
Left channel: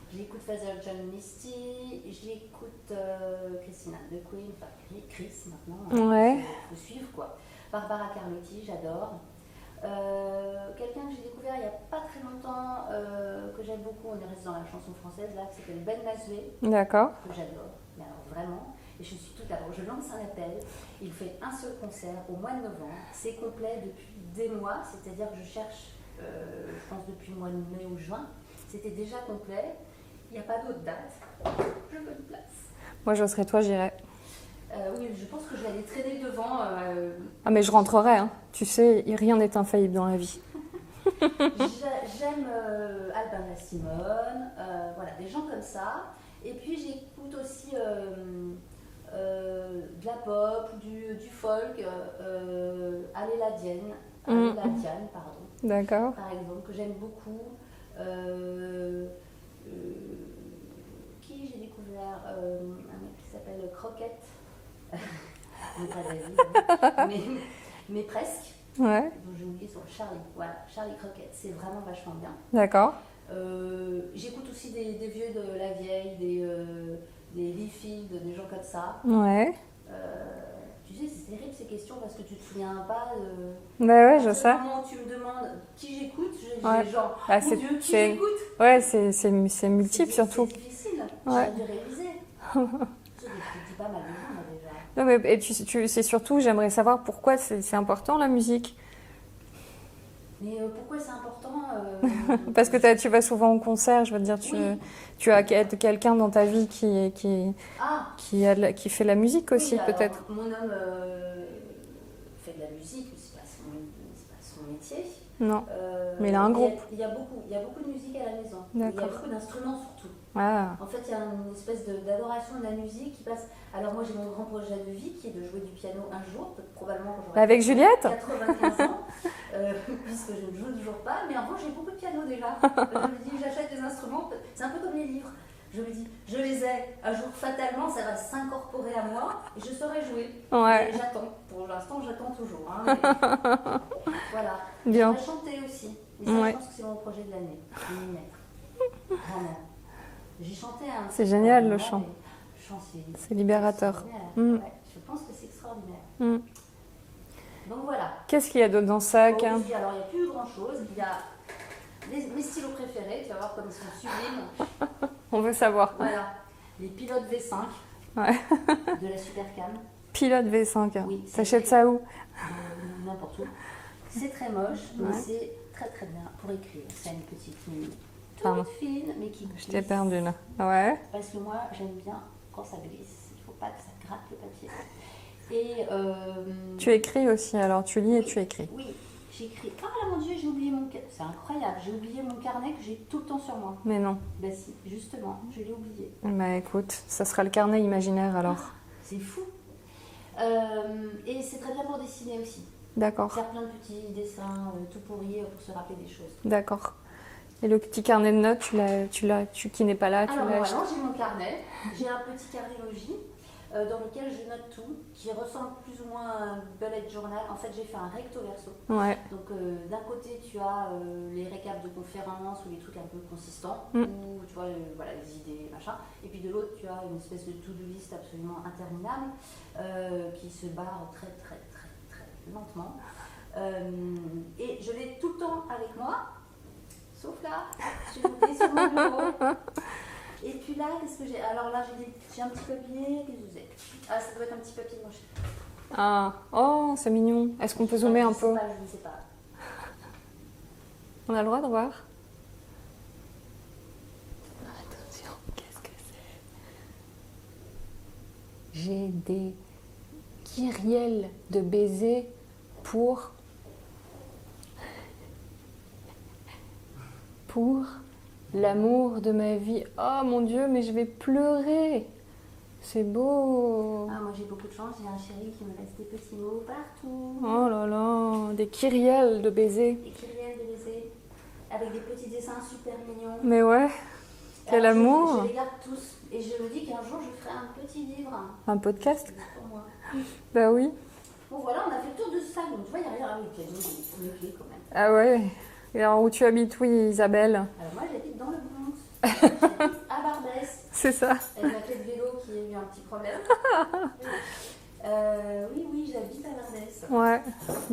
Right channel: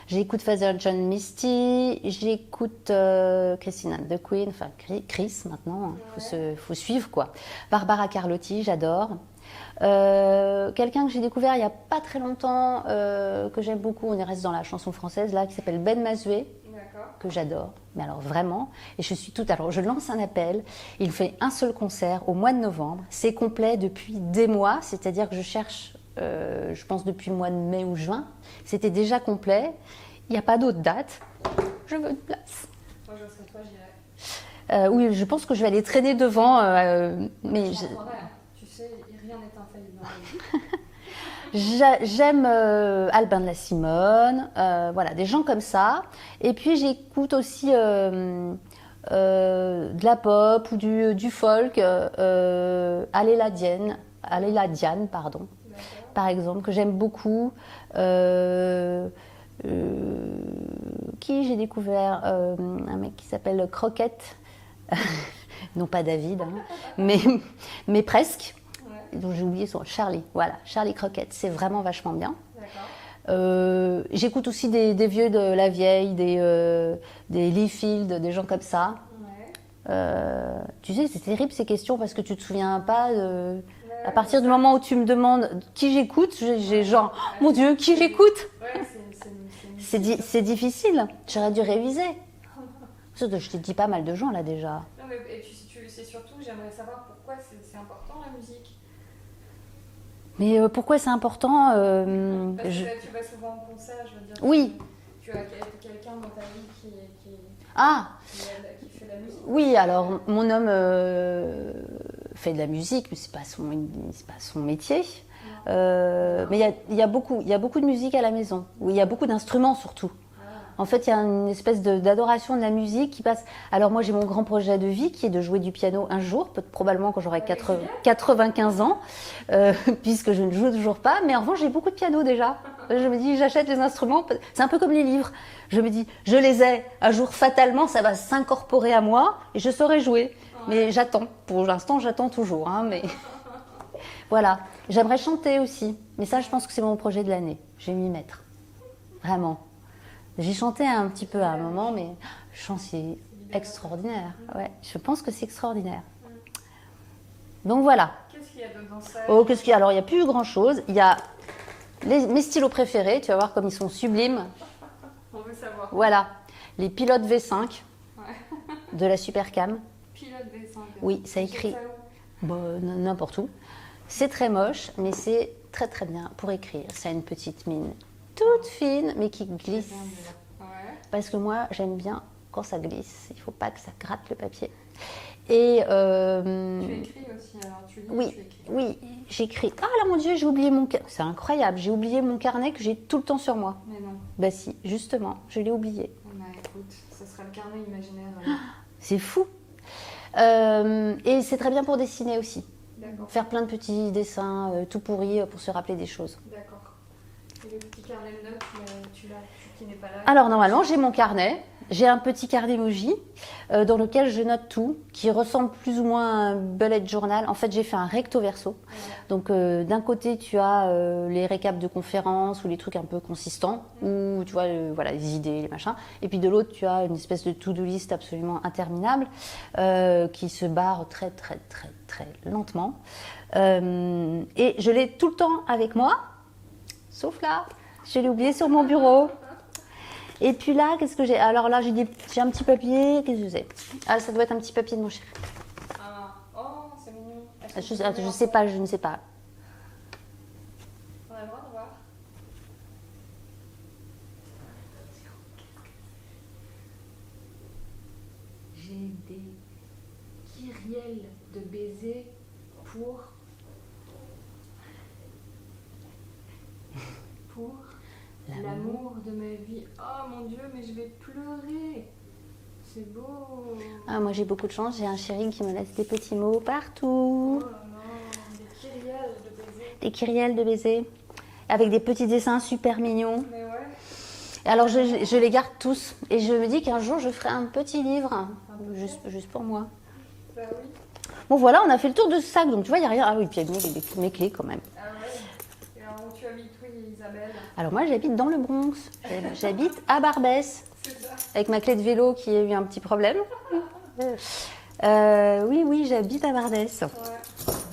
J'écoute Father John Misty, j'écoute Christina the Queen, enfin Chris maintenant, faut suivre quoi. Barbara Carlotti, j'adore. Quelqu'un que j'ai découvert il n'y a pas très longtemps, que j'aime beaucoup, on reste dans la chanson française là, qui s'appelle Ben Mazué, D'accord. que j'adore, mais alors vraiment, et alors je lance un appel, il fait un seul concert au mois de novembre, c'est complet depuis des mois, c'est-à-dire que je cherche, je pense depuis le mois de mai ou juin, c'était déjà complet, il n'y a pas d'autre date, je veux une place. Moi je serais toi, j'irais. Oui, je pense que je vais aller traîner devant. Mais je rentrerai, hein. Tu sais, rien n'est infaillible dans la vie. J'aime Albin de la Simone, voilà, des gens comme ça. Et puis j'écoute aussi de la pop ou du folk, Aléla Diane, pardon. D'accord. Par exemple, que j'aime beaucoup. Qui j'ai découvert un mec qui s'appelle Croquette. Non pas David, hein, mais presque. Ouais. Donc j'ai oublié son Charlie. Voilà, Charlie Croquette, c'est vraiment vachement bien. D'accord. J'écoute aussi des vieux de la vieille, des Lee Field, des gens comme ça. Ouais. Tu sais, c'est terrible ces questions parce que tu te souviens pas de... Ouais, à partir du moment où tu me demandes qui j'écoute, j'ai genre, mon Dieu, qui j'écoute? Ouais, c'est multiple surtout. C'est difficile. Ouais. J'aurais dû réviser. Je t'ai dit pas mal de gens là déjà. Non, mais, et c'est surtout, j'aimerais savoir pourquoi c'est important la musique. Mais pourquoi c'est important Parce que tu vas souvent au concert, je veux dire. Oui. Tu as quelqu'un dans ta vie qui fait de la musique aussi. Oui, alors peut-être. mon homme fait de la musique, mais c'est pas son métier. Non. Mais il a un groupe. il y a beaucoup de musique à la maison. Il y a D'accord. beaucoup d'instruments surtout. Ah. En fait, il y a une espèce d'adoration de la musique qui passe. Alors moi, j'ai mon grand projet de vie qui est de jouer du piano un jour, probablement quand j'aurai Avec Juliette 95 ans, puisque je ne joue toujours pas. Mais en revanche, j'ai beaucoup de piano déjà. Je me dis, j'achète les instruments. C'est un peu comme les livres. Je me dis, je les ai. Un jour, fatalement, ça va s'incorporer à moi et je saurai jouer. Ouais. Mais j'attends. Pour l'instant, j'attends toujours. Hein, mais... Voilà. Bien. J'aimerais chanter aussi. Mais ça, Ouais. je pense que c'est mon projet de l'année. Je vais m'y mettre. Vraiment. J'ai chanté un petit C'est peu génial, à un le moment, chant. mais le chant, C'est libérateur. extraordinaire. Mm. Ouais, je pense que c'est extraordinaire. Mm. Donc voilà. Qu'est-ce qu'il y a d'autre dans ça? Oh, qu'est-ce qu'il y a Alors, il n'y a plus grand-chose. Il y a mes stylos préférés. Tu vas voir comme ils sont sublimes. On veut savoir. Voilà. Les pilotes V5 Ouais. de la Supercam. Pilote V5. Oui, ça T'achètes écrit. ça où? Bon, n'importe où. C'est très moche, mais c'est très très bien pour écrire. Ça a une petite mine Pardon. toute fine, mais qui Je t'ai glisse. perdu là. Ouais. Parce que moi, j'aime bien quand ça glisse. Il ne faut pas que ça gratte le papier. Et Tu écris aussi, alors tu lis oui, et tu écris. Oui, j'écris. Ah là, mon Dieu, j'ai oublié mon carnet. C'est incroyable, j'ai oublié mon carnet que j'ai tout le temps sur moi. Mais non. Bah si, justement, je l'ai oublié. Bah écoute, ça sera le carnet imaginaire alors. C'est fou. Et c'est très bien pour dessiner aussi. D'accord. Faire plein de petits dessins tout pourris pour se rappeler des choses. D'accord. Et le petit carnet de notes, tu qui n'est pas là. tu Alors l'as normalement, j'ai mon carnet. J'ai un petit carnet emoji dans lequel je note tout, qui ressemble plus ou moins à un bullet journal. En fait, j'ai fait un recto verso. acheté. Ouais. Donc d'un côté, tu as les récaps de conférences ou les trucs un peu consistants, ou tu vois voilà, les idées, les machins. Et puis de l'autre, tu as une espèce de to-do list absolument interminable qui se barre très très très très lentement. Et je l'ai tout le temps avec moi, sauf là, je l'ai oublié sur mon bureau. Et puis là, qu'est-ce que j'ai? Alors là, j'ai un petit papier, qu'est-ce que c'est? Ah, ça doit être un petit papier de mon chéri. Ah, oh, c'est mignon. Est-ce qu'on peut Je zoomer ne un sais peu? pas, je ne sais pas. On a le droit de voir? Attention, qu'est-ce que c'est? J'ai des kyrielles de baisers pour L'amour de ma vie. Oh mon Dieu, mais je vais pleurer. C'est beau. Ah, moi j'ai beaucoup de chance, j'ai un chéri qui me laisse des petits mots partout. Oh là là, des kyrielles de baisers. Des kyrielles de baisers, avec des petits dessins super mignons. Mais ouais. Alors l'amour. je les garde tous et je me dis qu'un jour je ferai un petit livre. Un podcast. Juste pour moi. Bah oui. Bon voilà, on a fait le tour de ce sac, donc tu vois, il n'y a rien. Ah oui, puis il y a mes clés quand même. Ah ouais. Et alors où tu habites, oui, Isabelle? Alors moi j'habite dans le Bronx, j'habite à Barbès, C'est ça. avec ma clé de vélo qui a eu un petit problème. Oui, j'habite à Barbès. Ouais.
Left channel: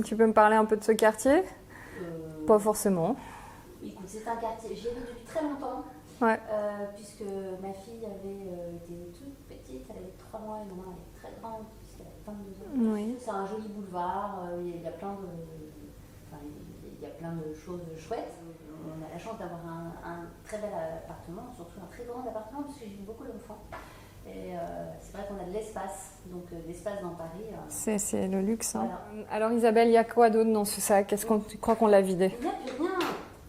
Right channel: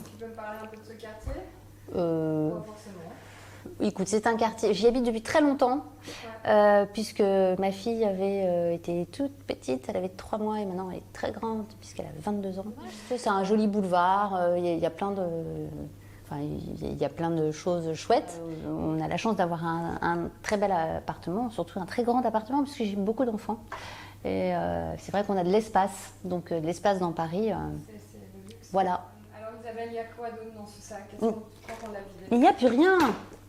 Tu peux me parler un peu de ce quartier? Pas forcément. Écoute, c'est un quartier, j'y habite depuis très longtemps, Ouais. puisque ma fille avait été toute petite, elle avait 3 mois et maintenant elle est très grande, puisqu'elle a 22 ans. Ouais. C'est un joli boulevard, il y a plein de... Enfin, il y a plein de choses chouettes. On a la chance d'avoir un très bel appartement, surtout un très grand appartement, parce que j'ai beaucoup d'enfants. Et c'est vrai qu'on a de l'espace, donc de l'espace dans Paris. C'est le luxe. Voilà. Hein. Alors Isabelle, il y a quoi d'autre dans ce sac? Est-ce qu'on tu crois qu'on l'a vidé? Mais il n'y a plus rien.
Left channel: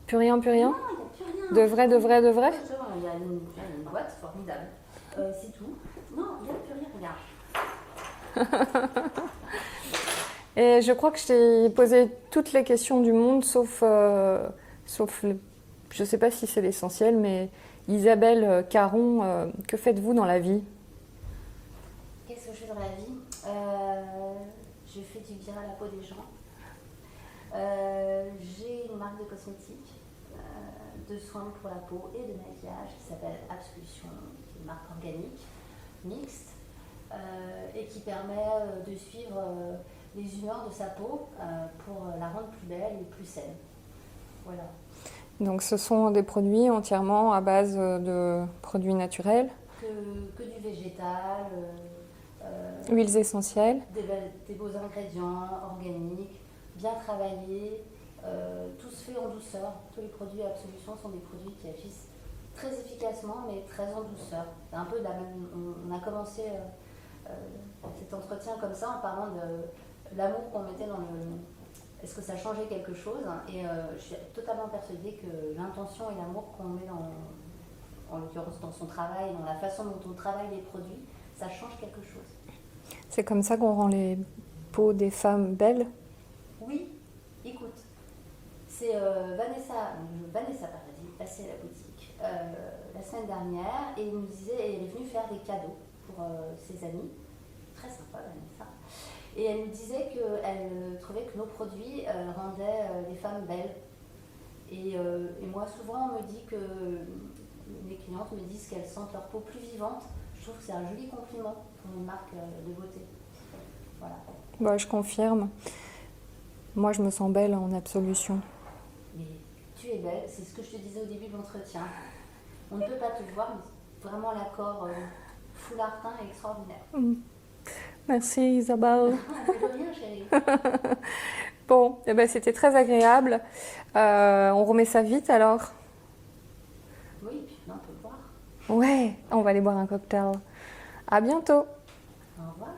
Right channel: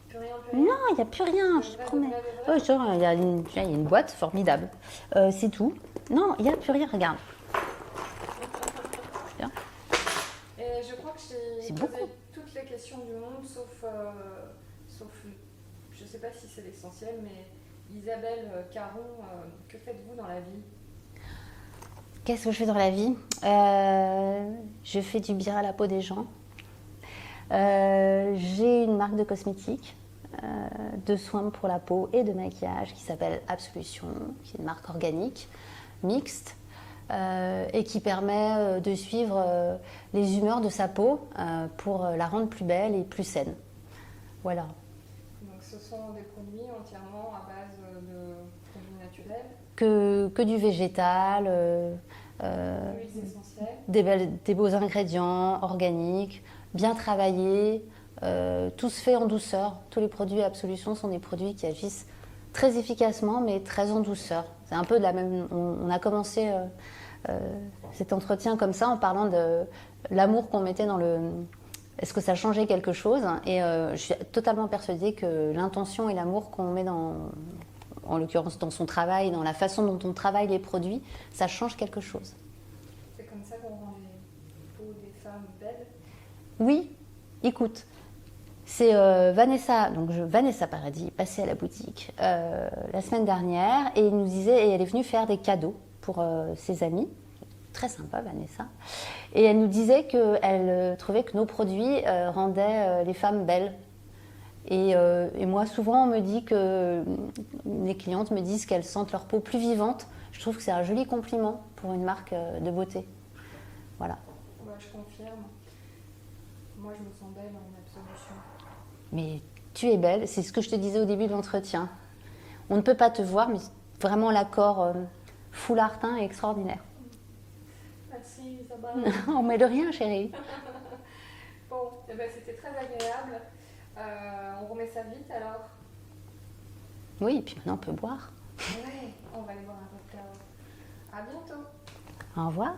Plus rien, plus rien? Non, il n'y a plus rien. De vrai, de vrai, de vrai? Oui, il y a une boîte formidable. C'est tout. Non, il n'y a plus rien, regarde. Et je crois que je t'ai C'est posé toutes les questions du monde, sauf je ne sais pas si c'est l'essentiel, mais Isabelle Caron, que faites-vous dans la vie? Qu'est-ce que je fais dans la vie? Je fais du bien à la peau des gens. J'ai une marque de cosmétiques, de soins pour la peau et de maquillage qui s'appelle Absolution, qui est une marque organique, mixte, et qui permet de suivre les humeurs de sa peau pour la rendre plus belle et plus saine. Voilà. Donc ce sont des produits entièrement à base de produits naturels, Que du végétal, huiles essentielles. des beaux ingrédients organiques, bien travaillés, tout se fait en douceur. Tous les produits Absolution sont des produits qui agissent très efficacement mais très en douceur. C'est un peu de la même... On a commencé cet entretien comme ça en parlant de l'amour qu'on mettait dans est-ce que ça a changé quelque chose? Et je suis totalement persuadée que l'intention et l'amour qu'on met en l'occurrence dans son travail, dans la façon dont on travaille les produits, ça change quelque chose. C'est comme ça qu'on rend les peaux des femmes belles? Oui, écoute, c'est Vanessa Paradis, passée à la boutique la semaine dernière et elle est venue faire des cadeaux pour ses amis. Très sympa, Vanessa. Et elle nous disait qu'elle trouvait que nos produits rendaient les femmes belles. Et moi, souvent, on me dit que les clientes me disent qu'elles sentent leur peau plus vivante. Je trouve que c'est un joli compliment pour une marque de beauté. Voilà. Bah, je confirme. Moi, je me sens belle en absolution. Mais tu es belle, c'est ce que je te disais au début de l'entretien. On ne peut pas te voir, mais vraiment l'accord foulard teint est extraordinaire. Merci Isabelle. On met de rien, chérie. Bon, eh ben, c'était très agréable. On remet ça vite alors? Oui, et puis maintenant on peut boire. Ouais, on va aller boire un cocktail. À bientôt. Au revoir.